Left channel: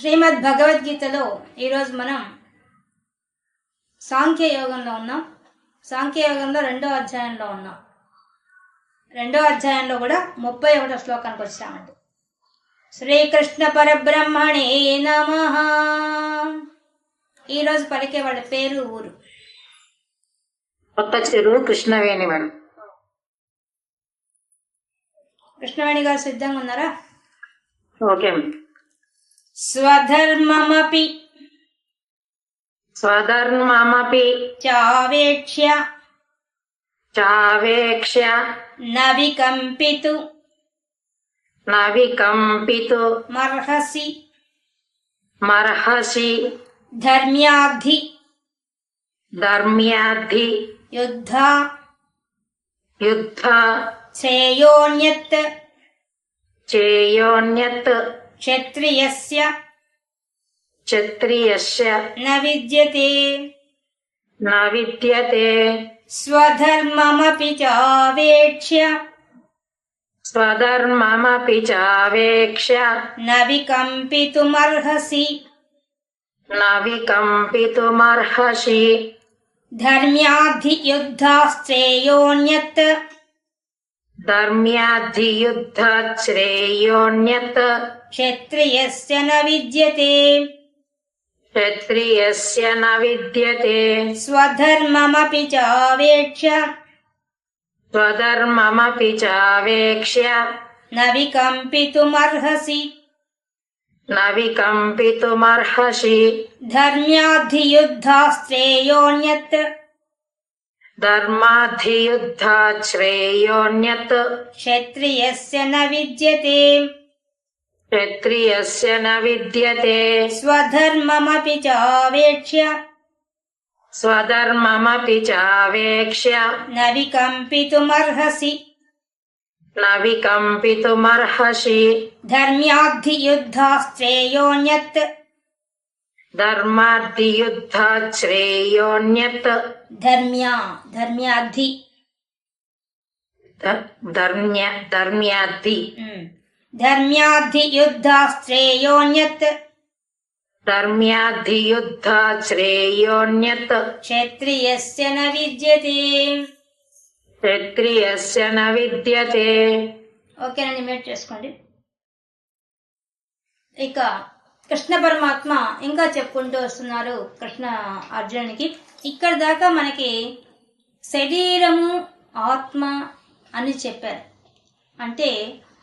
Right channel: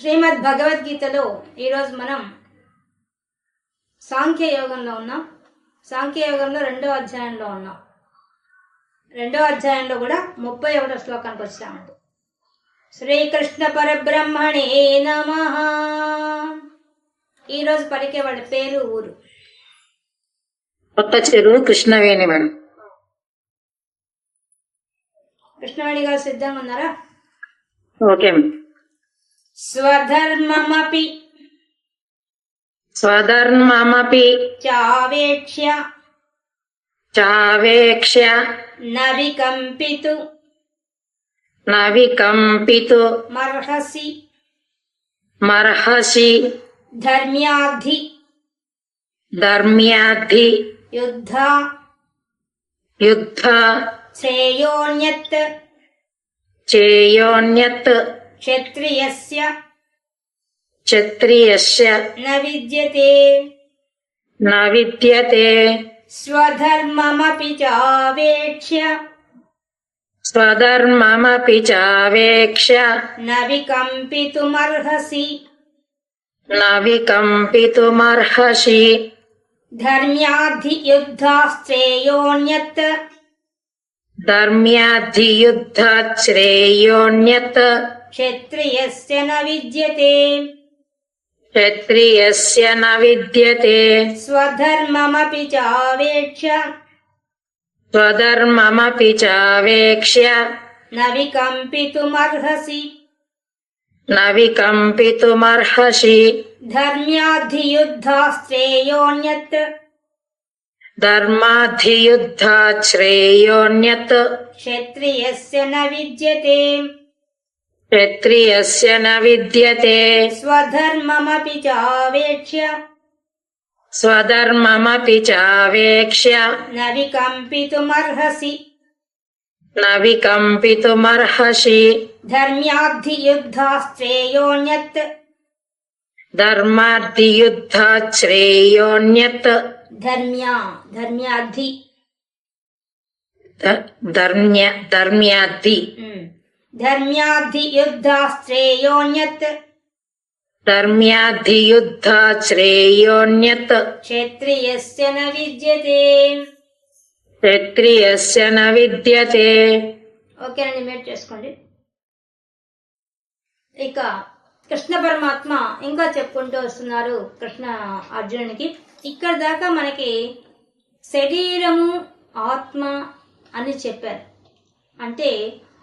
శ్రీమద్ భగవద్గీతలో ఈరోజు మనం సాంఖ్యయోగంలో ఉన్నాం. సాంఖ్యయోగంలో రెండో అధ్యాయంలో ఉన్నాం. రెండో అధ్యాయంలో కూడా 31వ శ్లోకానికి వచ్చామండి. శ్రీకృష్ణ పరబ్రహ్మణే నమః. ఈరోజు పలికే వాళ్ళ పేరు ఊరు కొత్త చెరువు కృష్ణవేణి మేడం. కృష్ణవేణి గారు సిద్ధంగా ఉన్నారా? ఓకే. స్వధర్మమపి చావేక్ష్య నవికంపితు మర్హసి ధర్మ్యాద్ధి యుద్ధ శ్రేయోన్యత్ క్షత్రియస్య న విద్యతే స్వధర్మమపి చావేక్ష్య నవికంపితుమర్హసి ధర్మ్యాద్ధి యుద్ధశ్రేయోన్యత్ క్షత్రియస్య న విద్యతే స్వధర్మమపి చావేక్ష్య నవికంపితుమర్హసి ధర్మ్యాద్ధి యుద్ధశ్రేయోన్యత్ క్షత్రియస్య న విద్యతే స్వధర్మమపి చావేక్ష్య నవికంపితుమర్హసి ధర్మ్యాద్ధి యుద్ధశ్రేయోన్యత్ ధర్మ్యాద్ధి యుద్ధశ్రేయోన్యత్ క్షత్రియస్య న విద్యతే. ఓకేనండి, మేట్ చేసుకోండి. ఇక కృష్ణ పరమాత్మ ఇంకా చెప్పుకుంటూ వస్తున్నారు కృష్ణ అర్జునునికి. ఇక్కడ దాకా మనకి శరీరము ఆత్మ అని చెప్పారు, అంటే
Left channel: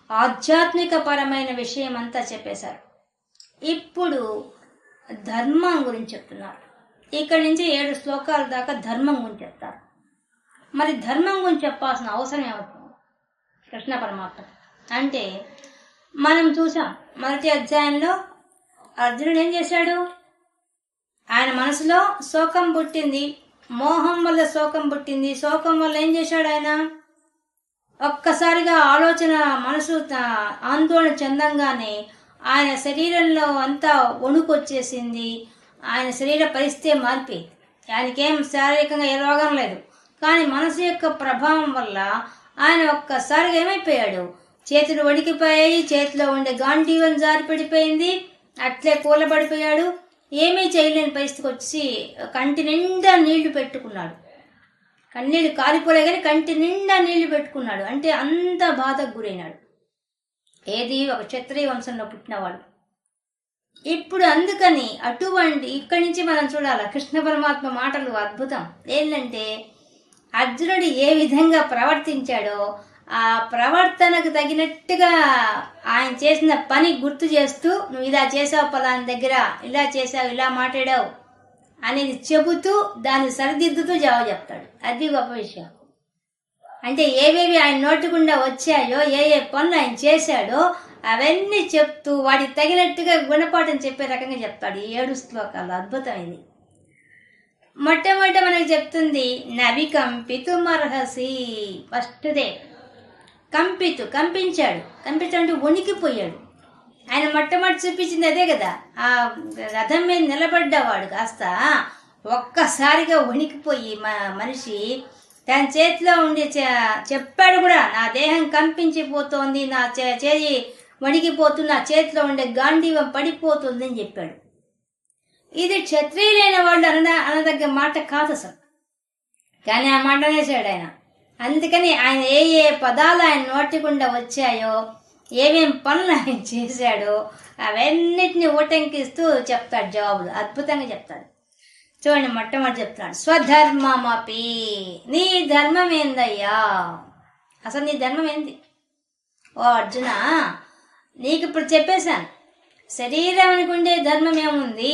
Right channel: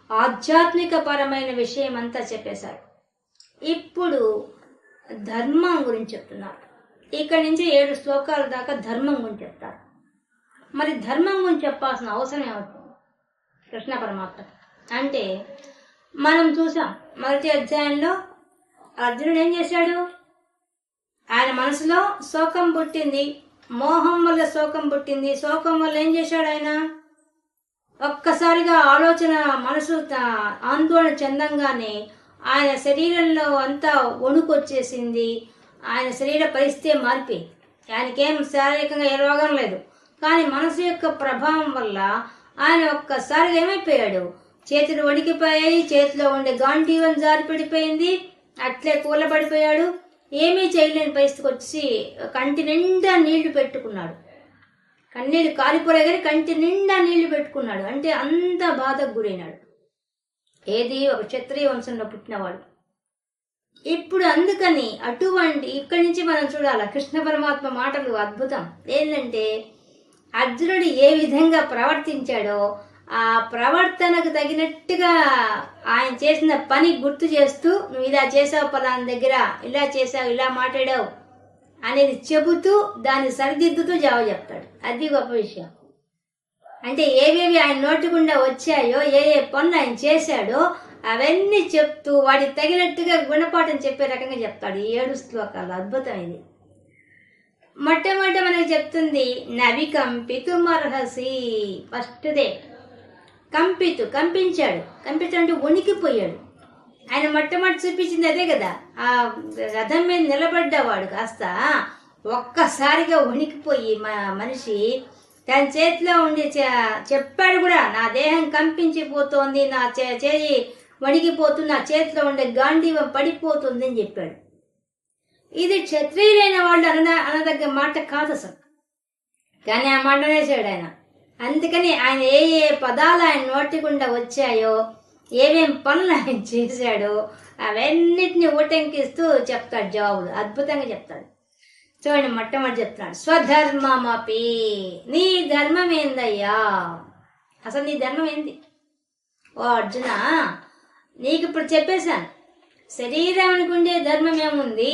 ఆధ్యాత్మిక పరమైన విషయం అంతా చెప్పేశారు. ఇప్పుడు ధర్మం గురించి చెప్తున్నారు. ఇక్కడ నుంచి 7 శ్లోకాల దాకా ధర్మం గురించి చెప్తారు. మరి ధర్మం గురించి చెప్పాల్సిన అవసరం ఏమవుతుంది కృష్ణ పరమాత్మ అంటే? మనం చూసాం మొదటి అధ్యాయంలో అర్జునుడు ఏం చేశాడు? ఆయన మనసులో శోకం పుట్టింది, మోహం వల్ల శోకం పుట్టింది. శోకం వల్ల ఏం చేశాడు ఆయన? ఒక్కసారిగా ఆలోచన మనసు ఆందోళన చెందంగానే ఆయన శరీరంలో అంతా వణుకు వచ్చేసింది. ఆయన శరీర పరిస్థితి మారిపోయింది. ఆయనకేం శారీరకంగా ఏ రోగం లేదు, కానీ మనసు యొక్క ప్రభావం వల్ల ఆయన ఒక్కసారిగా ఏమైపోయాడు? చేతులు వణికిపోయాయి, చేతిలో ఉండే గాంధీవం జారి పడిపోయింది, అట్లే కూలబడిపోయాడు. ఏమీ చేయలేని పరిస్థితికి వచ్చి కంటి నిండా నీళ్లు పెట్టుకున్నాడు. కన్నీళ్ళు కారిపోలే కానీ కంటి నిండా నీళ్లు పెట్టుకున్నాడు. అంటే అంత బాధకు గురైనాడు. ఏది ఒక క్షత్రియ వంశంలో పుట్టినవాడు. ఇప్పుడు అందుకని అటువంటి ఇక్కడి నుంచి మనం చూడాలి కృష్ణ పరమాత్మ మాటలు అద్భుతం. ఏంటంటే అర్జునుడు ఏ విధంగా ప్రవర్తించాడో ఆ ప్రవర్తనకు తగినట్టుగా ఆయన చేసిన పని గుర్తు చేస్తూ, నువ్వు ఇలా చేసావు, పలానా దగ్గర ఇలా చేసావు, ఇలా మాట్లాడావు అనేది చెబుతూ దాన్ని సరిదిద్దుతూ జవాబు చెప్తాడు. అది గొప్ప విషయం. అంటే ఏవేవి ఆయన నోటుకుండా వచ్చాయో, ఏ పనులు ఆయన చేశాడో అవన్నీ చెప్తూ వాడికి తగినట్టుగా గుణపాఠం చెప్పే రకంగా చెప్తాడు. 7 శ్లోకాలు అద్భుతమైంది. మొట్టమొదట మనకి చెప్తుంది నవికంపితుమర్హసి. ఫస్ట్దే కంపించాడు. కంపించాడు వణికిపోయాడు. ఆయన మొట్టమొదటి చూపించింది అదే కదా. ఆ రథం మీద నిలబడ్డవాడు కాస్త ఒక్కసారిగా వణికిపోయి మనిషి తన చేతిలో ఉండి చెప్పాడు కూడా, నా దేహం కంపించిపోతోంది, నా చేయి వణికిపోతున్న చేతిలో ఉండే గాంధీవం పడిపోతుంది అని చెప్పాడు. ఇది క్షత్రియులైన వాళ్ళు అనదగ్గ మాట కాదు అసలు. కానీ ఆ మాట అనేసాడు ఆయన. అందుకని ఆయన ఏ ఏ పదాలు ఆయన నోటి గుండా వచ్చాయో, ఏమేం పనులు ఆయన చేశాడో అవన్నిటిని ఊటంకిస్తూ చెప్తాడు జవాబులు. అద్భుతంగా చెప్తాడు. చూడండి, మొట్టమొదటి చెప్తున్నాడు, స్వధర్మమపి. నీ ధర్మం ఏందయ్యా? అసలు నీ ధర్మం ఏంది? ఓ అర్జున, నీకు ఇప్పుడు చెప్పేశాను. శరీరానికి ఉండే ధర్మం ఏముంది,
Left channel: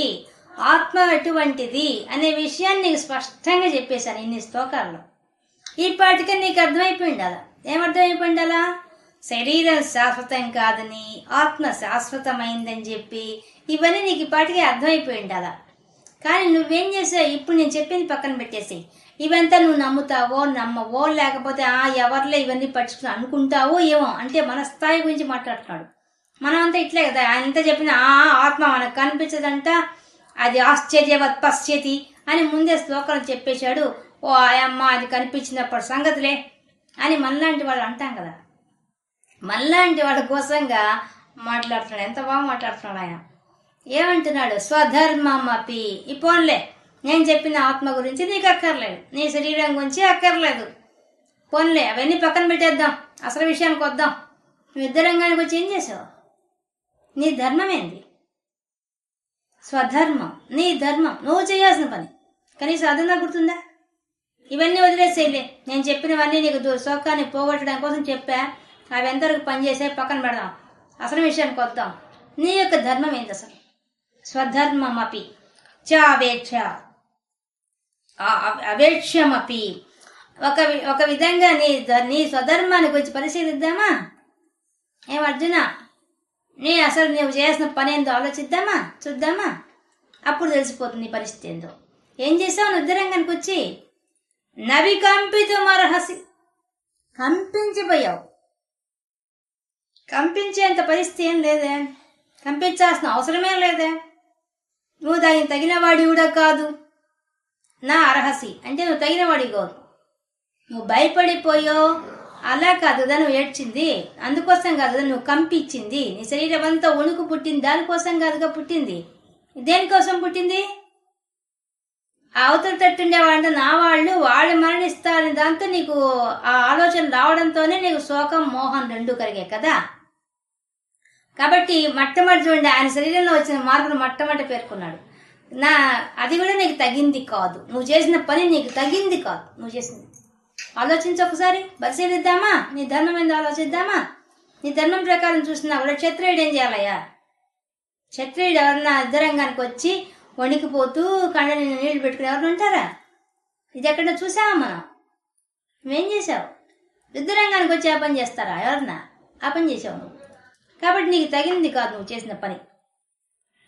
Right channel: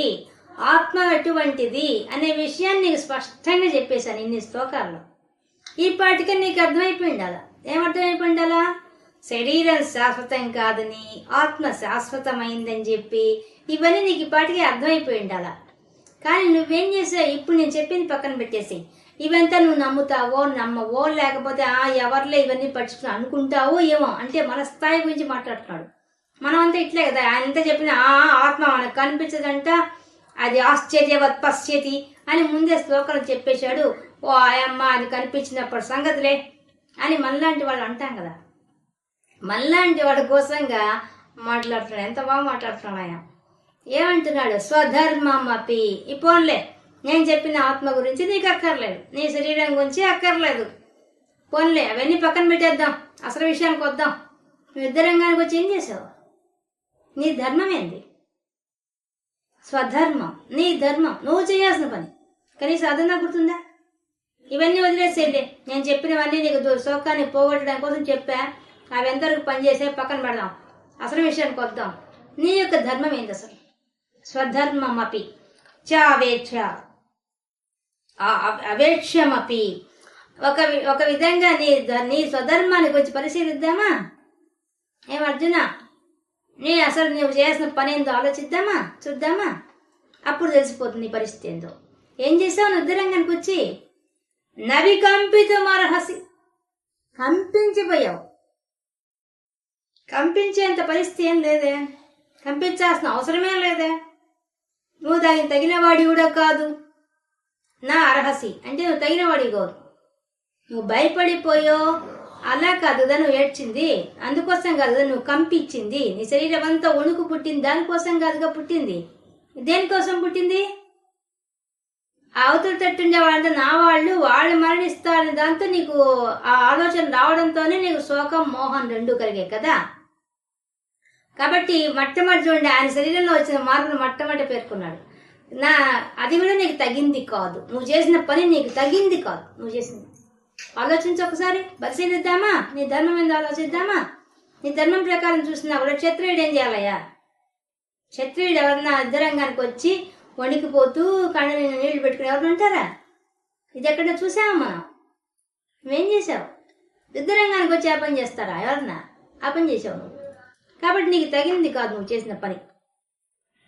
ఆత్మ ఎటువంటిది అనే విషయాన్ని నీకు స్పష్టంగా చెప్పేశాను ఇన్ని శ్లోకాల్లో. ఈ పాటికి నీకు అర్థమైపోయింది. అలా ఏమర్థమైపోయింది? అలా శరీరం శాశ్వతం కాదని, ఆత్మ శాశ్వతమైందని చెప్పి ఇవన్నీ నీకు ఈ పాటికి అర్థమైపోయింది. అలా కానీ నువ్వేం చేసావు? ఇప్పుడు నేను చెప్పింది పక్కన పెట్టేసి ఇవంతా నువ్వు నమ్ముతావో నమ్మవో, లేకపోతే ఎవరిలో ఇవన్నీ పట్టించుకుని అనుకుంటావో ఏమో. అంటే మన స్థాయి గురించి మాట్లాడుతున్నాడు. మనం అంతా ఇట్లే కదా. ఆయన ఎంత చెప్పినా ఆత్మ మనకు కనిపించదంట, అది ఆశ్చర్యవత్ పశ్యతి అని ముందే శ్లోకాలు చెప్పేశాడు. ఓ ఆయమ్మ అని కనిపించినప్పుడు సంగతులే అని మనలాంటి వాళ్ళు అంటాం కదా. మనలాంటి వాడి కోసంగా మాట్లాడుతున్నాడు. ఎంత బాగా మాట్లాడుతున్నాడు ఆయన. ఏమంటున్నాడు? స్వధర్మమపి. ఈ పోన్లే, నేను చెప్పిన ఆత్మ గురించి నీకు అక్కర్లేదు, నీ శరీరం గురించి అక్కర్లేదు. పోన్లే, అవన్నీ పక్కన పెట్టేద్దాం, అసలు విషయానికి వద్దాం. నువ్వు యుద్ధరంగానికి వచ్చి ఏం చేసావు? నీ ధర్మం ఏంది? స్వధర్మం, నీ ధర్మం, నువ్వు చేయాల్సిన పని. కనీసం అదన్నా గుర్తుందా? ఇవన్నీ వదిలేసేలే, నేను చెప్పినవన్నీ నీకు శోకాన్ని పోగొట్టడం కోసం చెప్పా. అవి ఎంతవరకు పనిచేసే పక్కన పెడదాం, అసలు విషయానికి వద్దాం. నీ యొక్క ధర్మం ఏంది అసలు? స్వధర్మమపి చావేక్ష అవేక్ష్యమపి. ఒక విధంగా నీ స్వధర్మాన్ని గురించి పరిశీలిద్దామా? ఏం అర్జున, అసలు నువ్వు చేయాల్సిన పని ఏందో ఆలోచిద్దామా, చూద్దామా? అప్పుడు తెలిసిపోతుంది నీ పరిస్థితి ఏందో. ఏం చేసావు? యుద్ధరంగానికి వచ్చి నవికంపితుమర్హసి, కంపించిపోయావు. కంపించేంత పరిస్థితి ఏం లేదే, కంపించాల్సిన అవసరమే లేదే. నువ్వు దానికి తగిన వాడి కూడా కాదు. నా అర్హసి అంటే నువ్వు తగిన వాడి కాదు. నువ్వు భయపడిపోయో అలా కాదు కదా నువ్వు ఏడ్చింది, అందుకోసం కాదు కదా నువ్వు కంపించింది. నీ శరీరం అంతా వణుకు పుట్టింది, దానికోసం కాదుగా పుట్టింది. దేనికోసం పుట్టింది? అవతల తట్టుండే వాళ్ళంటే నా వాళ్ళు మరణిస్తారని దాంతో నీకు ఆ ఆలోచన రావడంతోనే నీకు శోకం మోహం రెండు కలిగే కదా. కాబట్టి మొట్టమొదటి చూడండి, ఆయన శరీరంలో వచ్చిన మార్పును మొట్టమొదటి పేర్కొన్నాడు. అది కూడా నీకు తగింది కాదు, నువ్వు చేసిన పని నీకు తగింది కాదు. నువ్వు చేసింది ఆలోచించి ఒకసారి పరిశీలిద్దామా? నీ ధర్మం ఏందో ఆలోచిద్దామా? నీ ధర్మం ప్రకారం చూసినా కూడా క్షత్రియుడు ఏం చేయాలయ్యా? క్షత్రియుడు ఎవరన్నా యుద్ధరంగానికి వచ్చి వణికిపోతూ కళ్ళ నీళ్లు పెట్టుకుని ఎవరు ఉంటారా? ఇది ఎక్కడ చూసావా మనం? నువ్వేం చేసావు? యుద్ధరంగానికి వచ్చి ఆ పని చేస్తారా ఎవరన్నా? ఆ పని చేసావు నువ్వు. కాబట్టి నీకు తగినది కాదు నువ్వు చేసిన పని.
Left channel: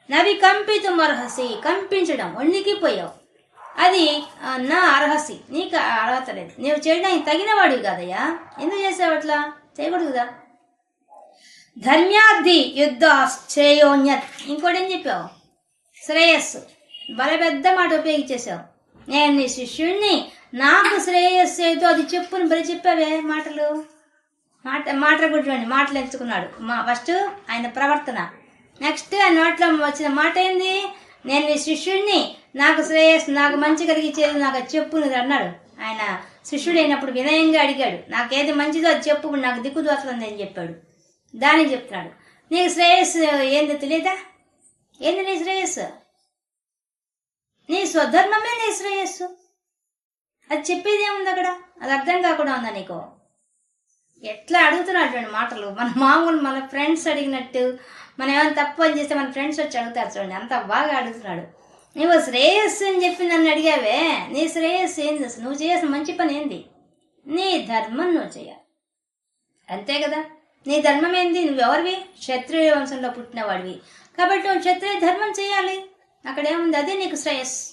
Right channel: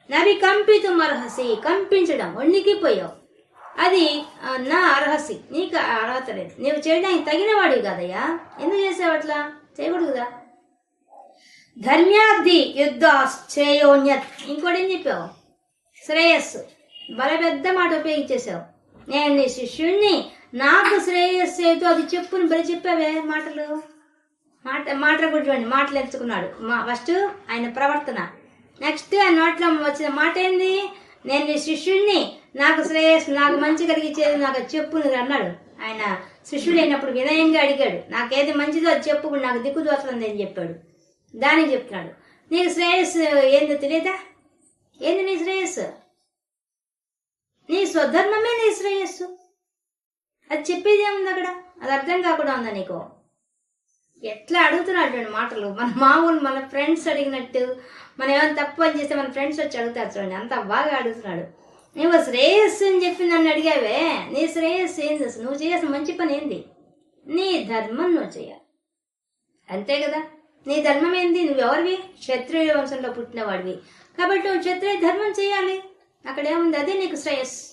నవి కంపితుమర్హసి, కంపించడం, వణికిపోయావు. అది నా అర్హసి, నీకు అర్హత లేదు, నువ్వు చేయడానికి తగిన వాడివి కాదయ్యా. ఎందుకు చేసావు అట్లా? చేయకూడదు కదా. ధర్మ్యార్థి యుద్ధ శ్రేయోన్యత్. ఇంకోటి ఏం చెప్పావు? శ్రేయస్సు. బల పెద్ద మాట ఉపయోగించేసావు. నేను నీ శిష్యుణ్ణి, నాకు శ్రేయస్సు ఏదో అది చెప్పుని బలి చెప్పావే మాటలు. మాటలు కూడా చూడండి, మాటలు ఎంచుకున్నాడు. ఫస్ట్ ఆయన ప్రవర్తన, నెక్స్ట్ ఆయన నోట్లో వచ్చిన మాట ఏంది? నేను నీ శిష్యుణ్ణి, నాకు శ్రేయస్సు, నాకు మంచి కలిగించేది నాకు చెప్పు అన్నాడు. ఆయన శిష్యుడు అయినప్పుడు వినయంగా అడిగాడు, నాకేది మంచిదో అది చెప్పు, నాకు దిక్కుదోచంది అని చెప్పాడు. దానికి చెప్తున్నాడు, నీకు శ్రేయస్సు ఏంది తెలియదా? ఏంది నీ శ్రేయస్సు? నీ స్వధర్మమే నీ శ్రేయస్సు. అది చెప్పేది ఏముంది అక్కడ? అది అర్థం కాకుండా ఉందా నీకు? ఎట్లా అడుగుతున్నాడు చూడండి మాటలు. మన ఫ్రెండ్స్ అడిగినట్టు, మనం ఏమైనా తప్పు అని చేస్తే మన ఫ్రెండ్స్ వచ్చి అడుగుతారు చూడండి, అంత బాగా అడుగుతున్నాడు. నువ్వు శ్రేయస్సు అని చెప్పి నన్ను అడిగావే, నీ శ్రేయస్సు ఏంది అసలు? నువ్వు చేయాల్సిన మంచి పని ఏంది? నీ ధర్మం నువ్వు చేయాలి, అంతే కదా. నీ ధర్మం ఏంది? నువ్వెవరివి? క్షత్రియ వంశంలో పుట్టిన వాడివి కాబట్టి నువ్వు క్షత్రియ ధర్మం చేయాలి. అక్కడ ఏముంది? అదే నీకు శ్రేయస్సు,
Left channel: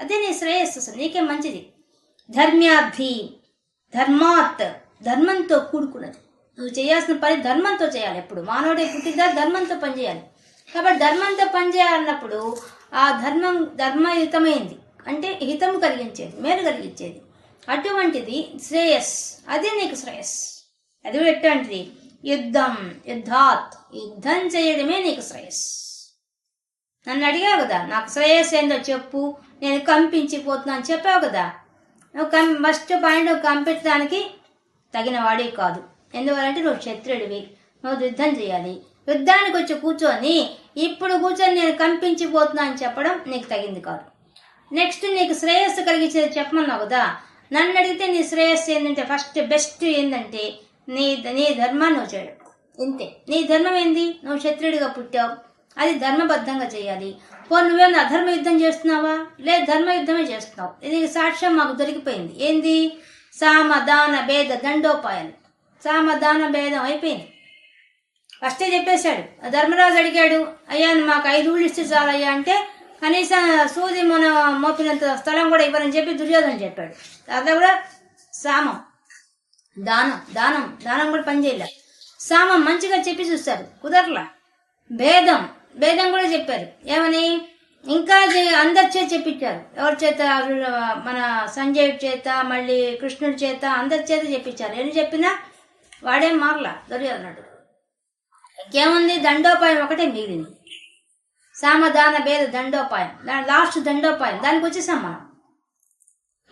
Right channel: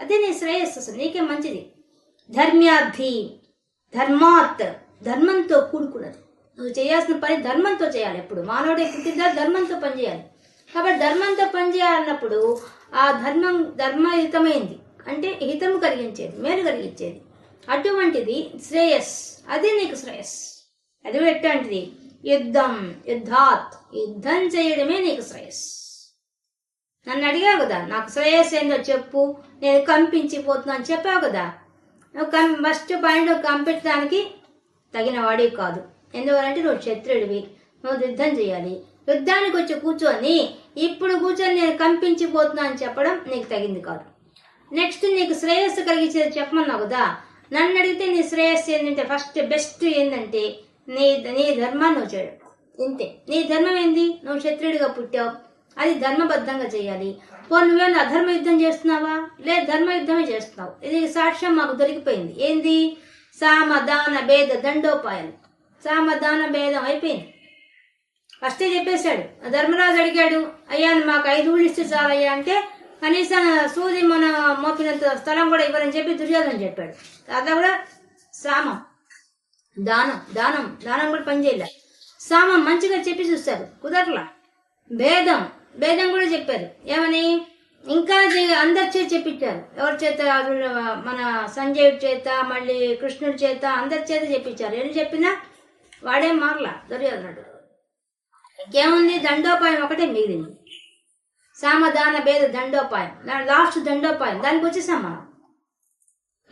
అదే నీ శ్రేయస్సు, అసలు నీకే మంచిది. ధర్మ్యార్థి, ధర్మాత్, ధర్మంతో కూడుకున్నది. నువ్వు చేయాల్సిన పని ధర్మంతో చేయాలి. ఎప్పుడు మానవుడే పుట్టిందా ధర్మంతో పనిచేయాలి. కాబట్టి ధర్మంతో పనిచేయాలన్నప్పుడు ఆ ధర్మం ధర్మయుతమైంది, అంటే హితము కలిగించేది, మేలు కలిగించేది. అటువంటిది శ్రేయస్, అదే నీకు శ్రేయస్. అది ఎటువంటిది? యుద్ధం, యుద్ధాత్, యుద్ధం చేయడమే నీకు శ్రేయస్సు. నన్ను అడిగావు కదా, నాకు శ్రేయస్సు ఏందో చెప్పు, నేను కంపించిపోతున్నాను చెప్పావు కదా. నువ్వు ఫస్ట్ పాయింట్ కంపించడానికి తగిన వాడివి కాదు. ఎందువలంటే నువ్వు క్షత్రుడివి, నువ్వు యుద్ధం చేయాలి. యుద్ధానికి వచ్చి కూర్చొని ఇప్పుడు కూర్చొని నేను కంపించిపోతున్నా అని చెప్పడం నీకు తగింది కాదు. నెక్స్ట్ నీకు శ్రేయస్సు కలిగించేది చెప్పమన్నావు కదా. నన్ను అడిగితే నీ శ్రేయస్సు ఏంటంటే ఫస్ట్ బెస్ట్ ఏంటంటే నీ ధర్మాన్ని నువ్వు చేయడం. ఇంతే. నీ ధర్మం ఏంది? నువ్వు క్షత్రుడిగా పుట్టావు, అది ధర్మబద్ధంగా చేయాలి. నువ్వేమన్నా అధర్మ యుద్ధం చేస్తున్నావా? లేదు, ధర్మ యుద్ధమే చేస్తున్నావు. ఇది సాక్ష్యం మాకు దొరికిపోయింది. ఏంది? సామదాన భేద దండోపాయాలు. సామదాన భేదం అయిపోయింది. ఫస్టే చెప్పేశాడు. ధర్మరాజు అడిగాడు, అయ్యా మాకు 5 ఊళ్ళు ఇస్తే చాలయ్యా అంటే కనీసం సూది మన మోపినంత స్థలం కూడా ఇవ్వరని చెప్పి దుర్యోధన చెప్పాడు. అట్లా కూడా సామం, దానం దానం దానం కూడా పనిచేయలే. సామం మంచిగా చెప్పి చూస్తారు, కుదరలా. భేదం భేదం కూడా చెప్పారు. ఏమని? ఇంకా అందరి చేత చెప్పించారు. ఎవరి చేత? మన సంజయుడి చేత, మళ్ళీ కృష్ణుడి చేత, అందరి చేత చెప్పించారు. ఎన్ని చెప్పినా వాడేం మారలా దుర్యోధనుడు. ఇంకేముంది? దండోపాయం ఒకటే మిగిలింది. సామదాన భేద దండోపాయం, దాని లాస్ట్ దండోపాయం. దానికి వచ్చేసాం మనం.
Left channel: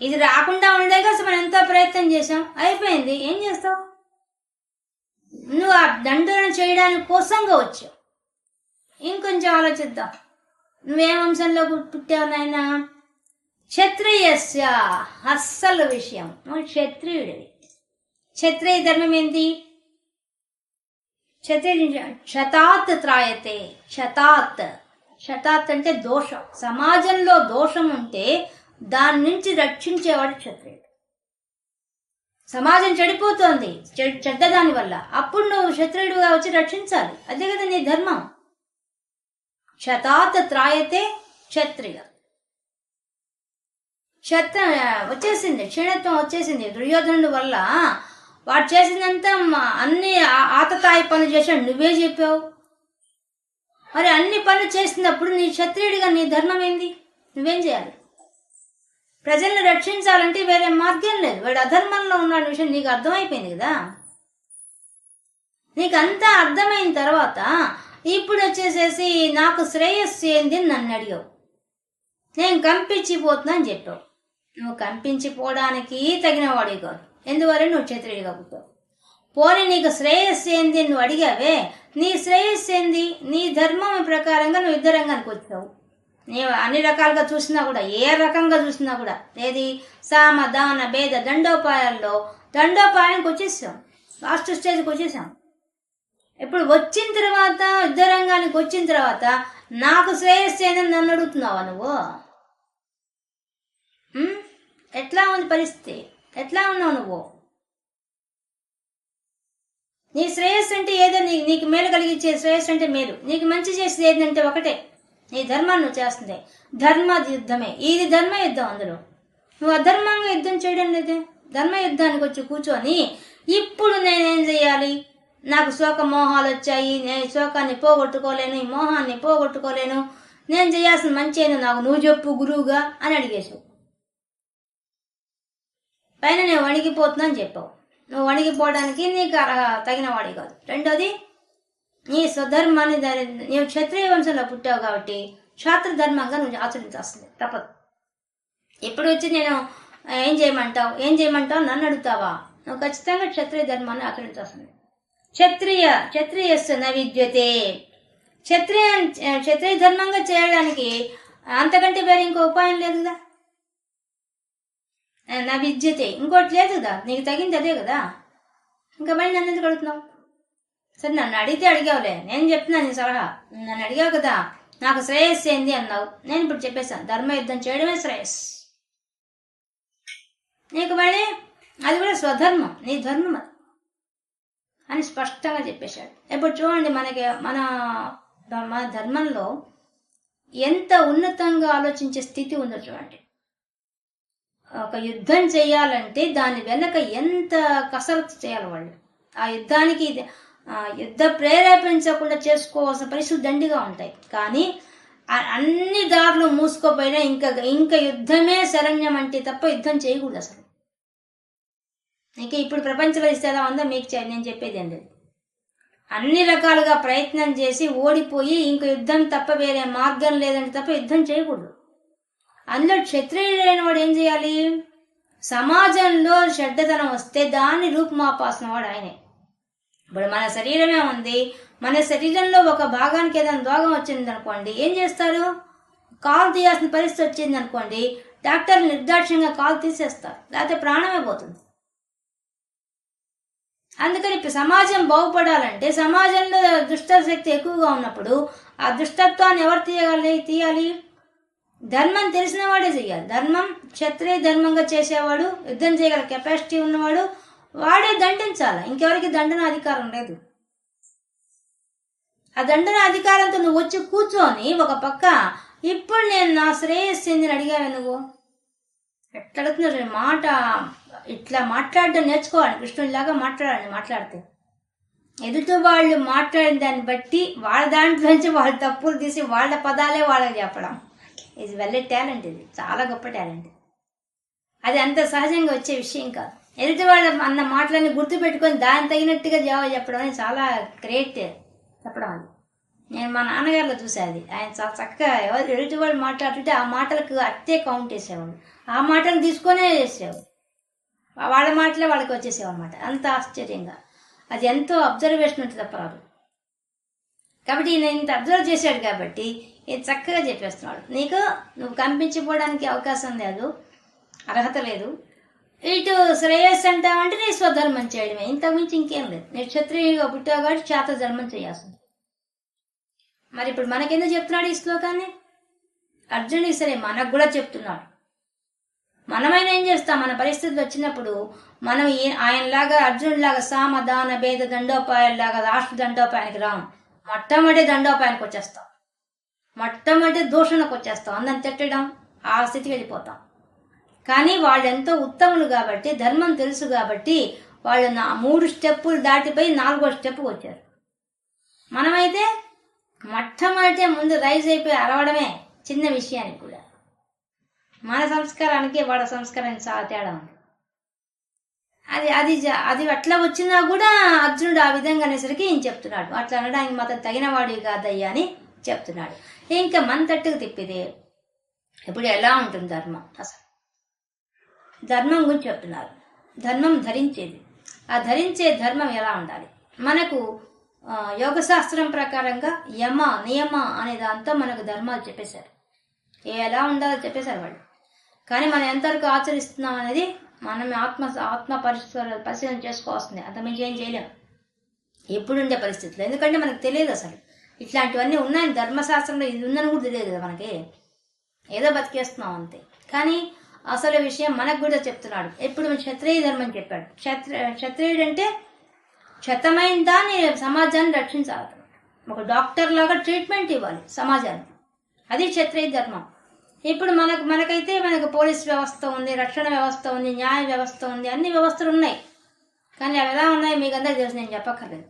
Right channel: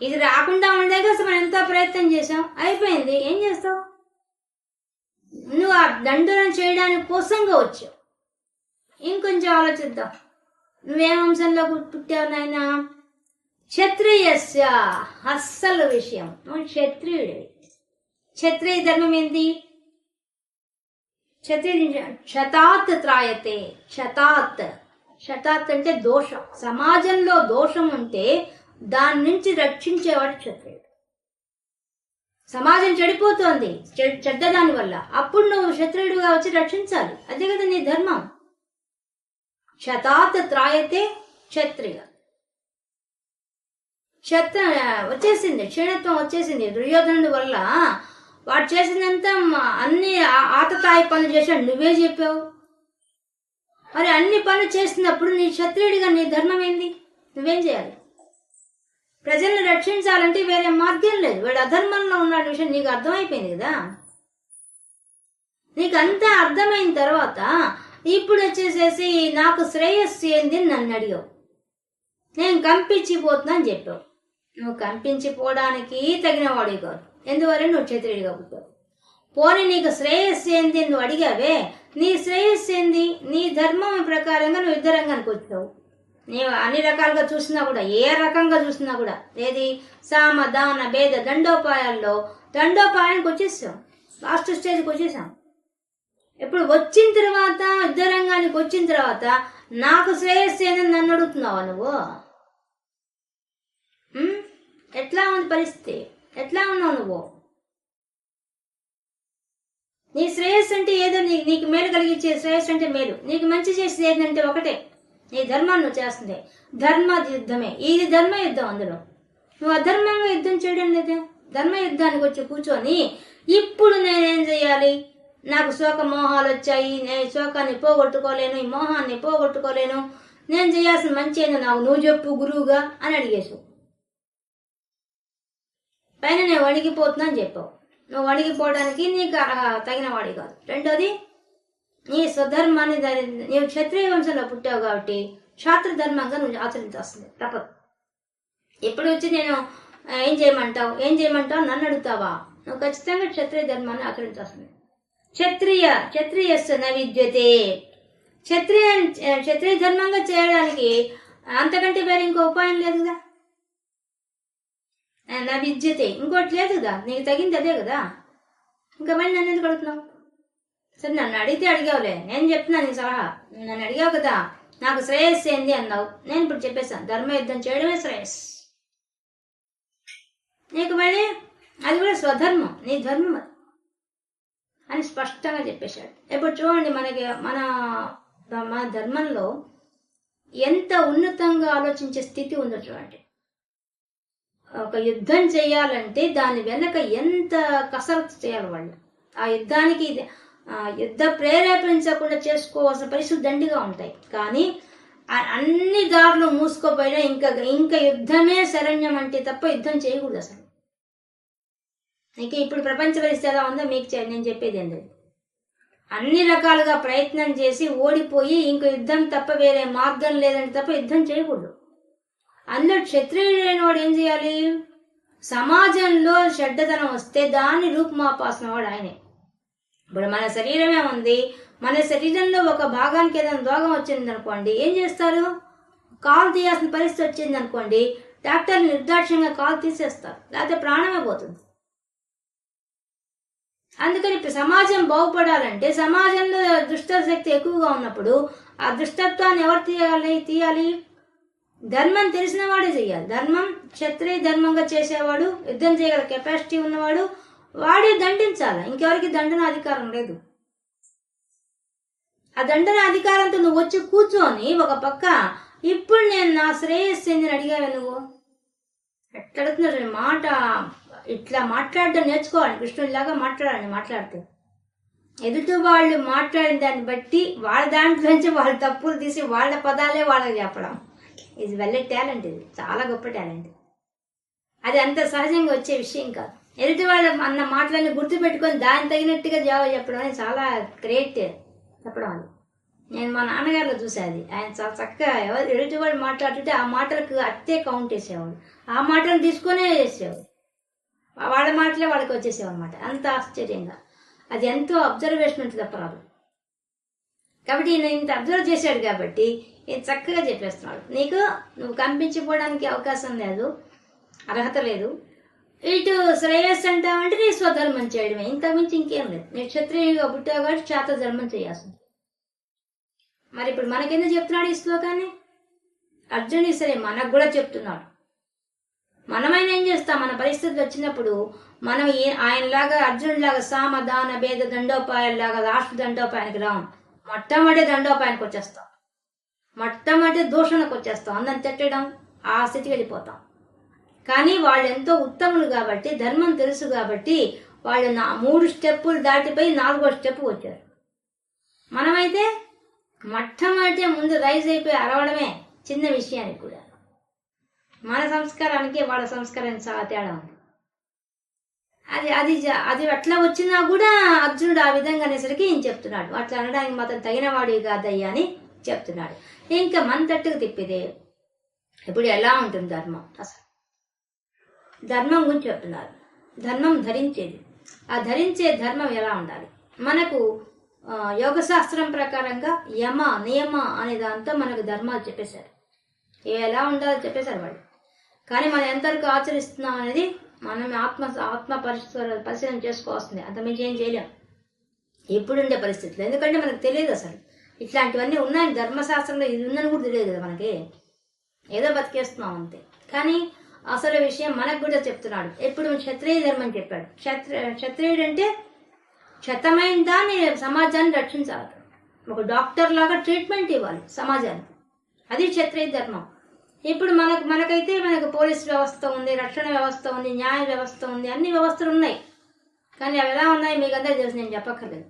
ఇది రాకుండా ఉండే కోసం మనం ఎంతో ప్రయత్నం చేసాం, అయిపోయింది. ఏం చేస్తావు? నువ్వు ఆ దండన చేయడానికి కోసంగా వచ్చావు. ఇంకొంచెం ఆలోచిద్దాం. నువ్వేం వంశంలో పుట్టావు నాయనా? క్షత్రియస్య. అస్సలు విషయం, నువ్వు క్షత్రియుడివి. క్షత్రియ ధర్మం ఏంటి? శతాత్ త్రాయతే. శతాత్ అంటే దోషం. సమాజంలో దోషం ఉంటే దాని నుంచి రక్షించేవాడు క్షత్రియుడు. సమాజం చెడిపోతోంది చెడ్డదాని వల్ల, అప్పుడు నువ్వు క్షత్రియుడుగా వచ్చి రక్షించాలి. అదే కదా నీ ధర్మం. శతాత్ త్రాయతే క్షత్రియ. వచ్చేసింది, క్షీణత్వం వచ్చేసింది దుర్యోధనుడి వల్ల. వాడు చేసిందంతా అన్ని ఆతతాయి పనులు చేశాడు, నువ్వే చెప్పావు. మరి అన్ని పనులు చేసినప్పుడు నీ క్షత్రియుడిగా నీ ధర్మం ఏంది? నువ్వేం చేయాలి? ప్రజలను రక్షించాలంటే వేరే మార్గం లేదు. వాడు అధర్మంలో ఉన్న విషయం నీకు అర్థమైపోయింది కదా. నీకు అంతా అర్థమైన తర్వాత ఇప్పుడు వచ్చేసేసి నాకు శ్రేయస్సు ఏంది నన్ను అడిగావు. నేను కంపించిపోతున్నా అని చెప్పావు. నువ్వు కంపించిపోవడానికి తగిన వాడే కాదు. ఎందువల్ల నువ్వు క్షత్రియుడిగా పుట్టావు. పోనీ నీకు శ్రేయస్సు ఏంది నువ్వు అడిగావే, నీ శ్రేయస్సు ఏంది? నీ ధర్మం ప్రకారంగా నువ్వు యుద్ధ రంగానికి వచ్చావు. నీవు అన్ని రకాలుగా చూసినా కూడా, ఏ రకంగా చూసినా కూడా, ఏది? సామ దాన భేద దండోపాయాల్లో దండోపాయానికి వచ్చేసాం. లాస్ట్ స్టేజ్కి వచ్చేసాం. ఇప్పుడు వచ్చిన తర్వాత, యుద్ధ రంగానికి వచ్చిన తర్వాత నాకు శ్రేయస్సు ఏందని నన్ను అడుగుతున్నావా నువ్వు? ఎట్లా ఉంది పరిస్థితి? ఎట్లా ఉన్నావు నువ్వు? నీ శ్రేయస్సు అంటే ఏదో నీకు మేలు కలిగించే శ్రేయస్సు అంటే మేలు, నీకు మంచి చేసేది ఏంటంటే ఒకటే, నీ ధర్మాన్ని నువ్వు చేస్తుంది. ధర్మ యుద్ధమే, ఇది ధర్మ యుద్ధం. అందులో నువ్వు అధర్మంగా యుద్ధం చేయడం లేదే. ధర్మ యుద్ధానికి వచ్చి కూర్చొని ఇప్పుడు నేనేం చేయాలి? నాకు శోక మోహాలు వచ్చాయి, నేను శోకాన్ని పోగొట్టుకోలేను, ఈ మోహాన్ని పోగొట్టుకోలేను, నేను చేయాల్సిన మంచి ఏందో నాకు నువ్వు చెప్పు గురువుగా అని అడిగేసావు. పైన నేను వణికిపోతున్నా అని చెప్పావు. నువ్వు వణికిపోవడానికి నీకు తగిన వాడి కాదు. రెండోది, నీ స్వధర్మాన్ని నీవు క్షత్రియ వంశంలో పుట్టావు కాబట్టి క్షాత్ర ధర్మంగా నువ్వు ఆచరించాల్సింది తప్పదు. ఎప్పుడు వచ్చి నేను ఏం చేయమంటావు నన్ను అడుగుతావా? నువ్వు ఖచ్చితంగా క్షత్రియ ధర్మాన్ని ఆచరించాల్సింది. క్షత్రియస్య న విద్యతే. క్షత్రియ ధర్మంగా చేయడానికి అంతకంటే వేరే ఇంకో ఉపాయం లేదు కదా. నా విద్యతే, ఇంకోటి లేదు కదా. నీకు తగింది అదే కదా. ఇంకా మళ్ళీ నన్ను ఎందుకు అడుగుతున్నావు? సరే, నన్ను అడిగితే అడిగావులే, నేను చెప్తున్నాను నీ సలహా. నన్ను అడిగావు కదా, నాకు శ్రేయస్సు ఏంది అన్నావు. నేను ఇప్పుడు చెప్పేశాను, ధర్మయుద్ధం చేయడమే శ్రేయస్సు. నీకు మళ్ళీ అది కూడా స్వధర్మం, నీ ధర్మం అని స్పష్టంగా చెప్పేశాడు. ఇప్పుడు చూడండి, మన ధర్మంలో ఎంత ఉన్నతంగా ఆలోచించే స్థితి ఉందో చూడండి. ఒక యుద్ధం చేయాలంటే దాని వెనక ఎంత కసరత్తు చేయాలి వాళ్ళు. ఆ యుద్ధానికి యుద్ధ ప్రేరేపించకుండా చేసుకోవాల్సిన పరిస్థితులు దండిగా ఉంటాయి. కానీ అన్ని దారులు మూసుకోపోయినా ఇంకా యుద్ధమే శరణ్యం అంటే తప్ప యుద్ధం చేయకూడదు అసలు. ఇంకా ఇప్పుడు ప్రపంచ పరిస్థితి ఎలా ఉందో మీకు నేను చెప్పేది ఏంటి. అన్ని రకాలుగా ప్రయత్నం చేసి ఓడిపోయి ఇంక యుద్ధం తప్ప వేరే మార్గం లేదంటే తప్ప యుద్ధం చేయకూడదు. అందులో క్షత్రియుడైన వాడు ఏం చేయాలి? సమాజంలో చెడ్డతనం వస్తే దాన్ని రూపుమాపాల్సిన వాడు ఆయనే. ఇప్పుడు మన శరీరమే ఉంది, మన శరీరంలో ఒక భాగానికి ఏదైనా రోగం వచ్చింది అనుకోండి, ఏం చేస్తారు? కాలు తీయాల్సిన పరిస్థితి వచ్చింది అనుకోండి, డాక్టర్లు నిర్దాక్ష్యంగా కాలు తీసేస్తారు, లేకపోతే ప్రాణమే పోతుంది. అందుకని ఇప్పుడు సమాజం బాగుపడాలంటే సమాజంలో దుష్ట శక్తి ఎక్కువగా ఉన్నప్పుడు ఆ దుష్టత్వాన్ని ఎవరు తీయాలి? ధర్మం తెలిసిన వాడే చెయ్యాలి. ధర్మం క్షత్రియ ధర్మంగా చేసేవాడు, యుద్ధం చేయగల కెపాసిటీ ఉన్నవాడు వాడే దండించాలి. ఇంకెవరికి దండన అధికారం లేదు. ఆ దండన అధికారంతో నువ్వు వచ్చి కూర్చొని ఒక పక్క ఇప్పుడు నేను నా శ్రేయస్సుని అడిగావు నువ్వు ఎట్లా అడుగుతున్నావు? మాట ఇట్లా మాట్లాడడం నేర్చుకోవాలి. కృష్ణుడిలాగా మాట్లాడితే ఎదుటి వాళ్ళు మాట్లాడిన దాన్ని బట్టి వాళ్ళ దాంట్లోంచి వాళ్ళ తప్పులు తీసి వాళ్ళ పదాలే వాళ్ళకి చెప్పడం ఇది వెల్ టాలెంట్. ఇది చాలా గొప్ప టాలెంట్. అది అంత సహజంగా వచ్చే విషయం కాదు. ఎదుటి వాళ్ళు అన్న మాటలన్నీ గుర్తు పెట్టుకొని దాన్ని తగినట్టుగా జవాబు చెప్పడం అనేది చాలా గ్రేట్ చెప్పడం. అది నేను మా నాన్నగారిలో చూసేది. ఆయన చాలా చక్కగా ఎదుటి వాళ్ళు మాట్లాడుతుంటే ఆ మాటలకు అట్టే కౌంట్ చేసేవాడు. ఆ మాటలు తీసుకొనే చేసేవాడు. వాళ్ళ మాటలే వాళ్ళకి వచ్చేసేవన్నమాట. అంత ఆశ్చర్యంగా అది ఎంతో అబ్జర్వేషన్ ఉంటుంది తప్పరాదు. కాబట్టి నేను ఇంత అబ్జర్వ్ చేశాడు కాబట్టి ఇది చక్కగా చెప్పేస్తున్నాడు. నువ్వు కనిపించిపోవడానికి అవకాశం లేదు, అర్హత లేదు. ఇటు శ్రేయస్సు అంటావంటే నీ స్వధర్మం చేయడమే, ఇంతకుమించి ఇంకేం లేదు. నేను క్షత్రియుడిగా పుట్టావు కాబట్టి క్షాత్ర ధర్మం చేయాల్సింది. మరి ఇప్పుడు మనకెందుకు చెప్తున్నాడు ఈ శ్లోకాన్ని? అర్జునుడి సరే మనకు కూడా చెప్తున్నాడు. మనమైనా ఏం చేస్తాం? మన పరిస్థితులు వచ్చినప్పుడు మనం ఆయనలాగా అర్జునుడిలాగా సామ దాన భేద దండోపాయాల్లాగా లాస్ట్ దండోపాయానికి రాం. మొట్టమొదటి దండోపాయానికి వచ్చేస్తాం, మొట్టమొదటి దూషణకు వచ్చేస్తాం, అందరం తిట్టడం, ఆ స్థితికి వెళ్ళిపోతాం. కానీ వాళ్ళు ఎంతో ఉత్తములు కాబట్టి, ధర్మం తెలుసు కాబట్టి వాళ్ళు 3 స్టెప్పులు దాటిపోయి 4వ స్టెప్ వచ్చారు. మనమైతే మొట్టమొదటి ముందు రైజ్ అయిపోయి అరవడమే చిన్న విషయానికి కూడా. మన సంస్కారానికి వాళ్ళ సంస్కారానికి చాలా తేడా ఉంది. అది అట్లా వచ్చినా కూడా అర్జునుడు ఆ విధంగా అనేసరికి ఏం చెప్తున్నాడు? అట్లా అనడానికి మాత్రం తగిన వాడివి కాదయ్యా అని చెప్తున్నాడు. ఇంకా మన తట్టుకు తిప్పిదే ఇప్పుడు ఎలా ఉంటుంది ధర్మం? అసలు ధర్మం గురించి చెప్తున్నారు. ధర్మం ధరించేది, ఆ ధరించే ధర్మం ఎలా ఉండాలి? మనకు యోగ శాస్త్రం ప్రకారంగా యమ నియమ అనే దాంతో మనకు ధర్మాలు చెప్పేశారు, ఎలా ఉండాలో చెప్పేశారు వాళ్ళు. కానీ మనం ఎంతవరకు ఆచరిస్తున్నాం అనేది మనం ఆత్మ పరిశీలన చేసుకోవాల్సిందే. అంతమించి ఏం చేయలేం ఇప్పుడుండే పరిస్థితులు. ఎందుకంటే మనకు తెలియదు అసలు ఇట్లాంటివన్నీ ఉన్నాయి ధర్మశాస్త్రంలో, ఇది ఉందని కూడా తెలియదు కదా మనకి. ఏదో బతికేస్తున్నాం అంతే. కానీ అసలు విషయం మనకు కూడా చెప్తున్నాడు. ఎప్పుడు క్షత్రియ ధర్మం చెప్పాడు. క్షత్రియుడు అంటే క్షతమైన దాన్ని సమాజాన్ని రక్షించాలి. ఒక డాక్టర్ లాగా ట్రీట్మెంట్ ఇవ్వాలి సమాజానికి. అది క్షత్రియ ధర్మం. ఇప్పుడు మనకైతే మనకు పోలీస్ వ్యవస్థ ఉంది, రక్షణ వ్యవస్థ ఉంది, న్యాయ వ్యవస్థ ఉంది, అన్ని వ్యవస్థలు ఉన్నాయి. కానీ అవి ఎలా ఉన్నాయి మీకు అందరికీ తెలుసు, నేను చెప్పక్కర్లేదు.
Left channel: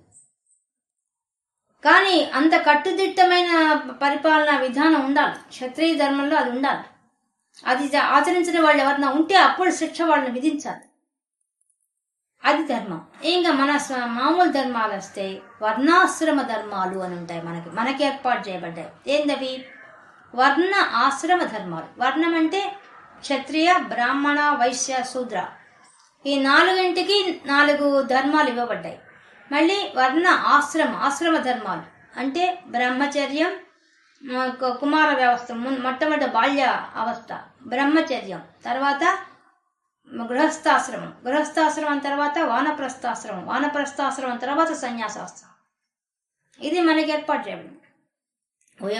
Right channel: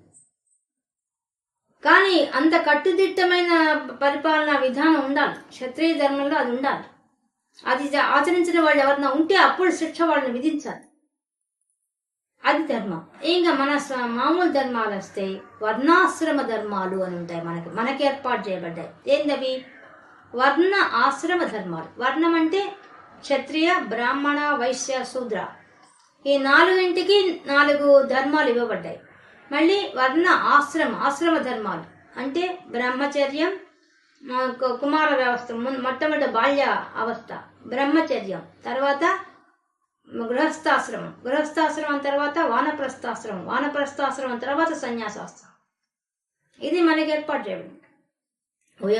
కానీ అంత కట్టుదిట్టమైన పరిపాలనా విధానం ఉండాలి. క్షత్రియ ధర్మంలో అది ఉండాలి. అది ఆచరించిన వాళ్ళు ఎవరన్నా ఉంటే అప్పుడు శిక్ష వాళ్ళని విధించాలి. అది ధర్మం. ఇంకా మన మామూలు ధర్మాలు వస్తే వర్ణాశ్రమ ధర్మాలు అని ఉంటాయి. మనకి ఏర్పాటు చేయబడ్డాయి. ఏందవి? వర్ణ ఆశ్రమ ధర్మాలు. వర్ణం అంటే క్షత్రియ, బ్రాహ్మణ, వైశ్య, శూద్ర. ఈ 4ంటికి 4 ధర్మాలు ఇవ్వబడ్డాయి. మళ్ళీ వర్ణ ఆశ్రమ ధర్మాలు అంటే బ్రహ్మచర్యం, కుమార వ్యవస్థ, మొట్టమొదటి బాల్య అవస్థ బ్రహ్మచర్యం, తర్వాత గృహస్థాశ్రమం తర్వాత వానప్రస్థాశ్రమం తర్వాత సన్యాసాశ్రమం. ఇది మనకి ఏర్పాటు చేయబడింది.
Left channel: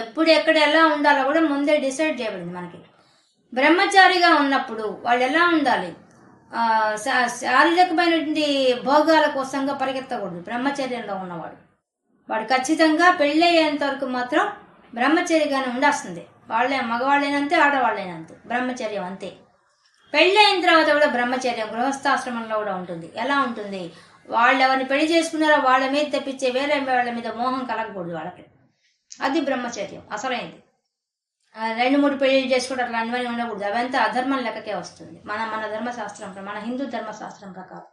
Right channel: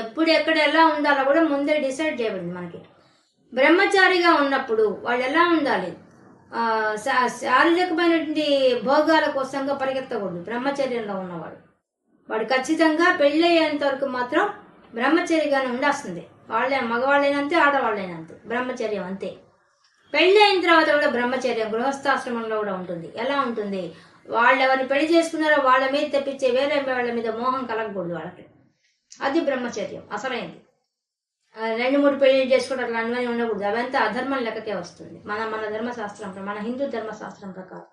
ఎప్పుడు ఎక్కడ ఎలా ఉండాలో కూడా ముందే డిసైడ్ చేయబడింది మనకి. బ్రహ్మచారిగా ఉన్నప్పుడు వాళ్ళు ఎలా ఉండాలి? శారీరకమైనటువంటి భోగాల కోసంగా పరిగెత్తకూడదు. బ్రహ్మచర్యంలో ఉన్నవాడు వాడు ఖచ్చితంగా పెళ్ళయ్యేంత వరకు మాత్రం బ్రహ్మచర్యగానే ఉండాల్సిందే. వాళ్ళే మగవాళ్ళైనంతే, ఆడవాళ్ళైనంతే బ్రహ్మచర్యం అంతే. పెళ్ళి అయిన తర్వాత కూడా బ్రహ్మచర్యం గృహస్థాశ్రమంలో కూడా ఉంటుంది. ఎలా ఉంటుంది? వాళ్ళు ఎవరిని పెళ్లి చేసుకున్నారో వాళ్ళ మీద తెప్పించే వేరే వాళ్ళ మీద మోహం కలగకూడదు వాళ్ళకి. అది బ్రహ్మచర్యం అసలైంది. 2-3 పెళ్లి చేసుకోవడం అట్లా అన్నీ ఉండకూడదు. అవంతా అధర్మం లెక్కకే వస్తుంది మన ధర్మశాస్త్రం, మన హిందూ ధర్మశాస్త్రం ప్రకారం.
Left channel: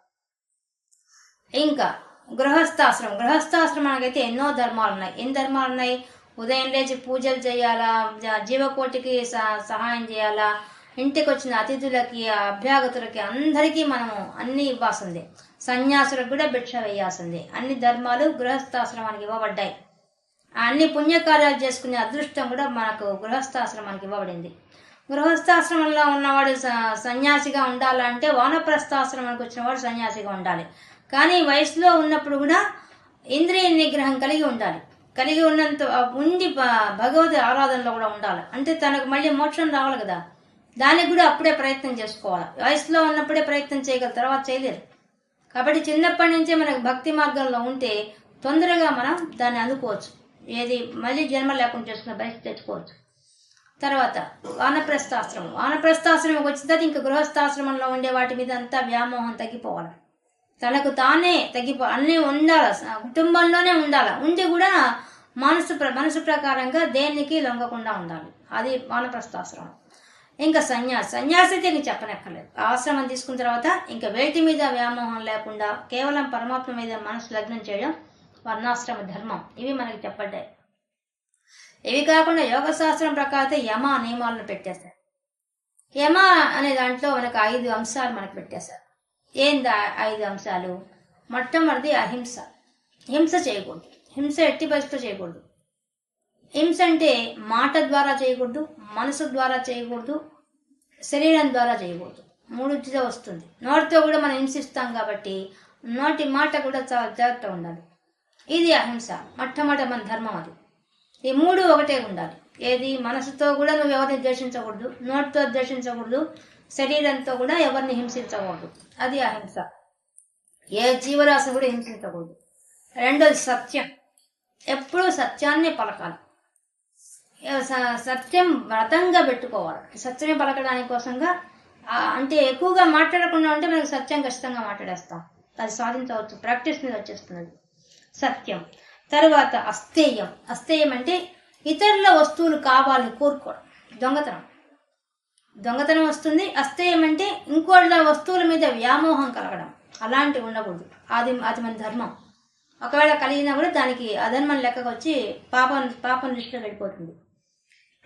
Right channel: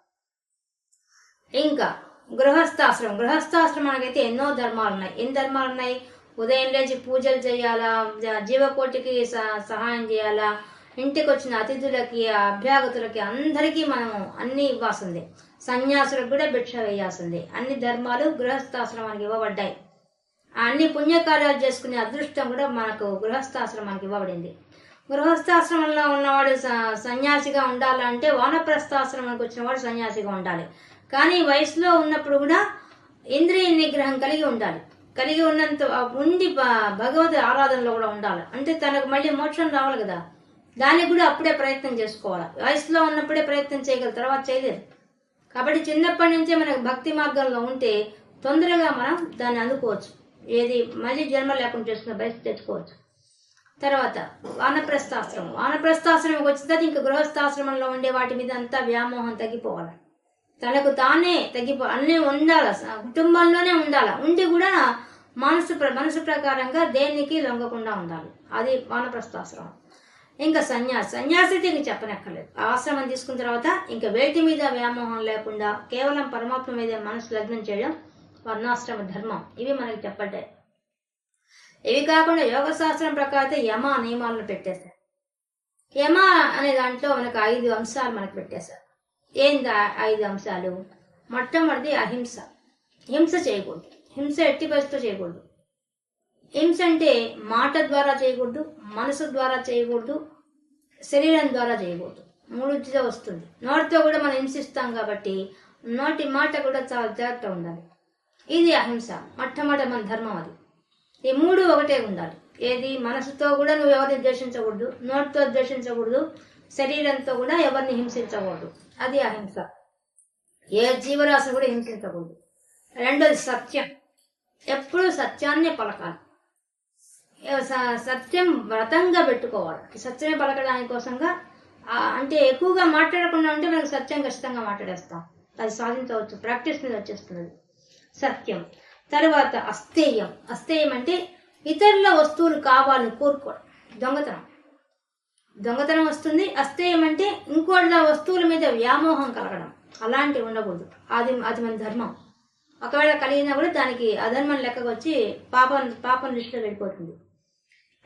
ఇంకా గృహస్థాశ్రమానికైతే ఎన్నో ధర్మాలు ఉన్నాయి. ఎన్ని ధర్మాలు ఉన్నాయి? ఉదయం లేచి పూజలు చేయాలా, జీవకోటికి సహాయం చేయాలా, ఇంటికి వచ్చిన అతిథులకి, అభ్యాగతులకి అందరికీ మనము అన్ని ఇవ్వాల్సిందే. సన్యాసులకు కూడా భిక్ష వేయాల్సిందే. అన్ని ధర్మాలు గృహస్థాశ్రమానికి ఇవ్వబడ్డాయి. అన్ని పుణ్యకార్యాలు చేసుకునే అదృష్టం కూడా మనకు గృహస్థాశ్రమానికి ఇవ్వబడింది. గృహస్థాశ్రమంలో ఉన్నవాడు సన్యాసిగా ఉండాలంటే వానప్రస్థాశ్రమానికి వచ్చినవాడు సన్యాసిగా ఉండాలి. కానీ వయసులో ఉన్నప్పుడు కూడా ఇంద్రియ నిగ్రహం కలిగి ఉండాలి. కలిగి ఉన్నంత ఉండి భగవద్ ఆరాధనలో కూడా ఉండాలి. అంటే తనకు మళ్ళీ మోక్షం రావాలి కదా, దానికి కూడా అప్పుడే ప్రయత్నం చేసుకోవాలి. వయసులో ఉన్నప్పుడే ప్రయత్నం చేయగలరు, తర్వాత చేయలేరు. కాబట్టి చిన్నప్పటి నుంచే మనకు భక్తి మార్గంలో ఉంటే తొందరగా మనం దాన్ని అందుకోవచ్చు. ఏది మళ్ళీ జన్మ లేకుండా చేసుకున్న పరిస్థితి తెచ్చుకోవచ్చు. తర్వాత వానప్రస్థాశ్రమం వచ్చిన తర్వాత ఇంకా గృహస్థాశ్రమంలో ఉండే వాటి మీద అంతా వ్యామోహం తగ్గిపోవాలి. తనకు తానే అన్నీ ఉండాలి, కుటుంబంలోనే ఉండాలి. ఉండి కూడా మనసు ప్రకారంగా దేనికి లొంగకుండా ఉండాలి. అది వానప్రస్థాశ్రమం. ఇంకా సన్యాసి అయితే ఇంక చెప్పనక్కర్లేదు. ఆశ్రమం తీసుకున్న తర్వాత ఇంకా వేటి మీద వ్యామోహం లేకుండా కేవలం పరమాత్మ మీద మనసు లగ్నం చేయడం వర్ణాశ్రమ ధర్మం. ఇవి మనకి చెప్పడ్డాయి. ఇవి కాకుండా యోగ శాస్త్రం ప్రకారం అయితే యమ నియమాలను పెట్టేశారు. యమ అనే దాంట్లో మనకు 5 అంశాలు మనకు పెట్టేశారు. ఏంది 5 అంశాలు? మొట్టమొదటి అహింస. హింస చేయకూడదు. హింస ఎట్టి పరిస్థితిలో చేయకూడదు. హింస అంటే మాట ద్వారా చేయకూడదు, మనసు ద్వారా చేయకూడదు, శరీరం ద్వారా చేయకూడదు. 3 వస్తుంది. నోటితో కూడా మనం హింసిస్తాం కాబట్టి నోటి మాట కూడా చాలా జాగ్రత్తగా ఉండాలి. ఇది అహింస. మొట్టమొదటి మన ధర్మం అది. ఈ 3 ఒకటే ఉండాలి. ఏది? మనసుతో కూడా నువ్వు ఎవరిని ద్వేషించకూడదు, నోటితో ద్వేషించకూడదు, శరీరంతో కూడా ఎవరిని హింసించకూడదు. అది అహింస. ఏ జీవరాశి కూడా హింసించకూడదు. రెండోది సత్యం. ఎప్పుడూ సత్యాన్నే పలకాలి. సత్యం వ్రతంగా పెట్టుకోవాలి. సత్యమే పలకడానికి కోసంగా అంటే ఎక్కువగా మాట్లాడకుండా ఉంటే మనకు సత్యం ఖచ్చితంగా మాట్లాడేస్తాం. అది సాధించవచ్చు, ప్రాక్టీస్ మీద వచ్చేస్తున్నది సత్యం. తర్వాత అస్థేయం. అస్థేయం అంటే ఇతరుల వస్తువులు కావాలని కోరుకోవడం, దొంగతనం వస్తుంది. అస్థేయం అంటే ఇంకోళ్ళ వస్తువుల మీద వ్యామోహం కలగడం, అలాంటివి ఉండకూడదు. అది మన ధర్మం. ఒకవేళ కలిగినా కూడా దానికి అధర్మం లెక్కకు వచ్చి పాపం దృష్టిలో వెళ్ళిపోతుంది.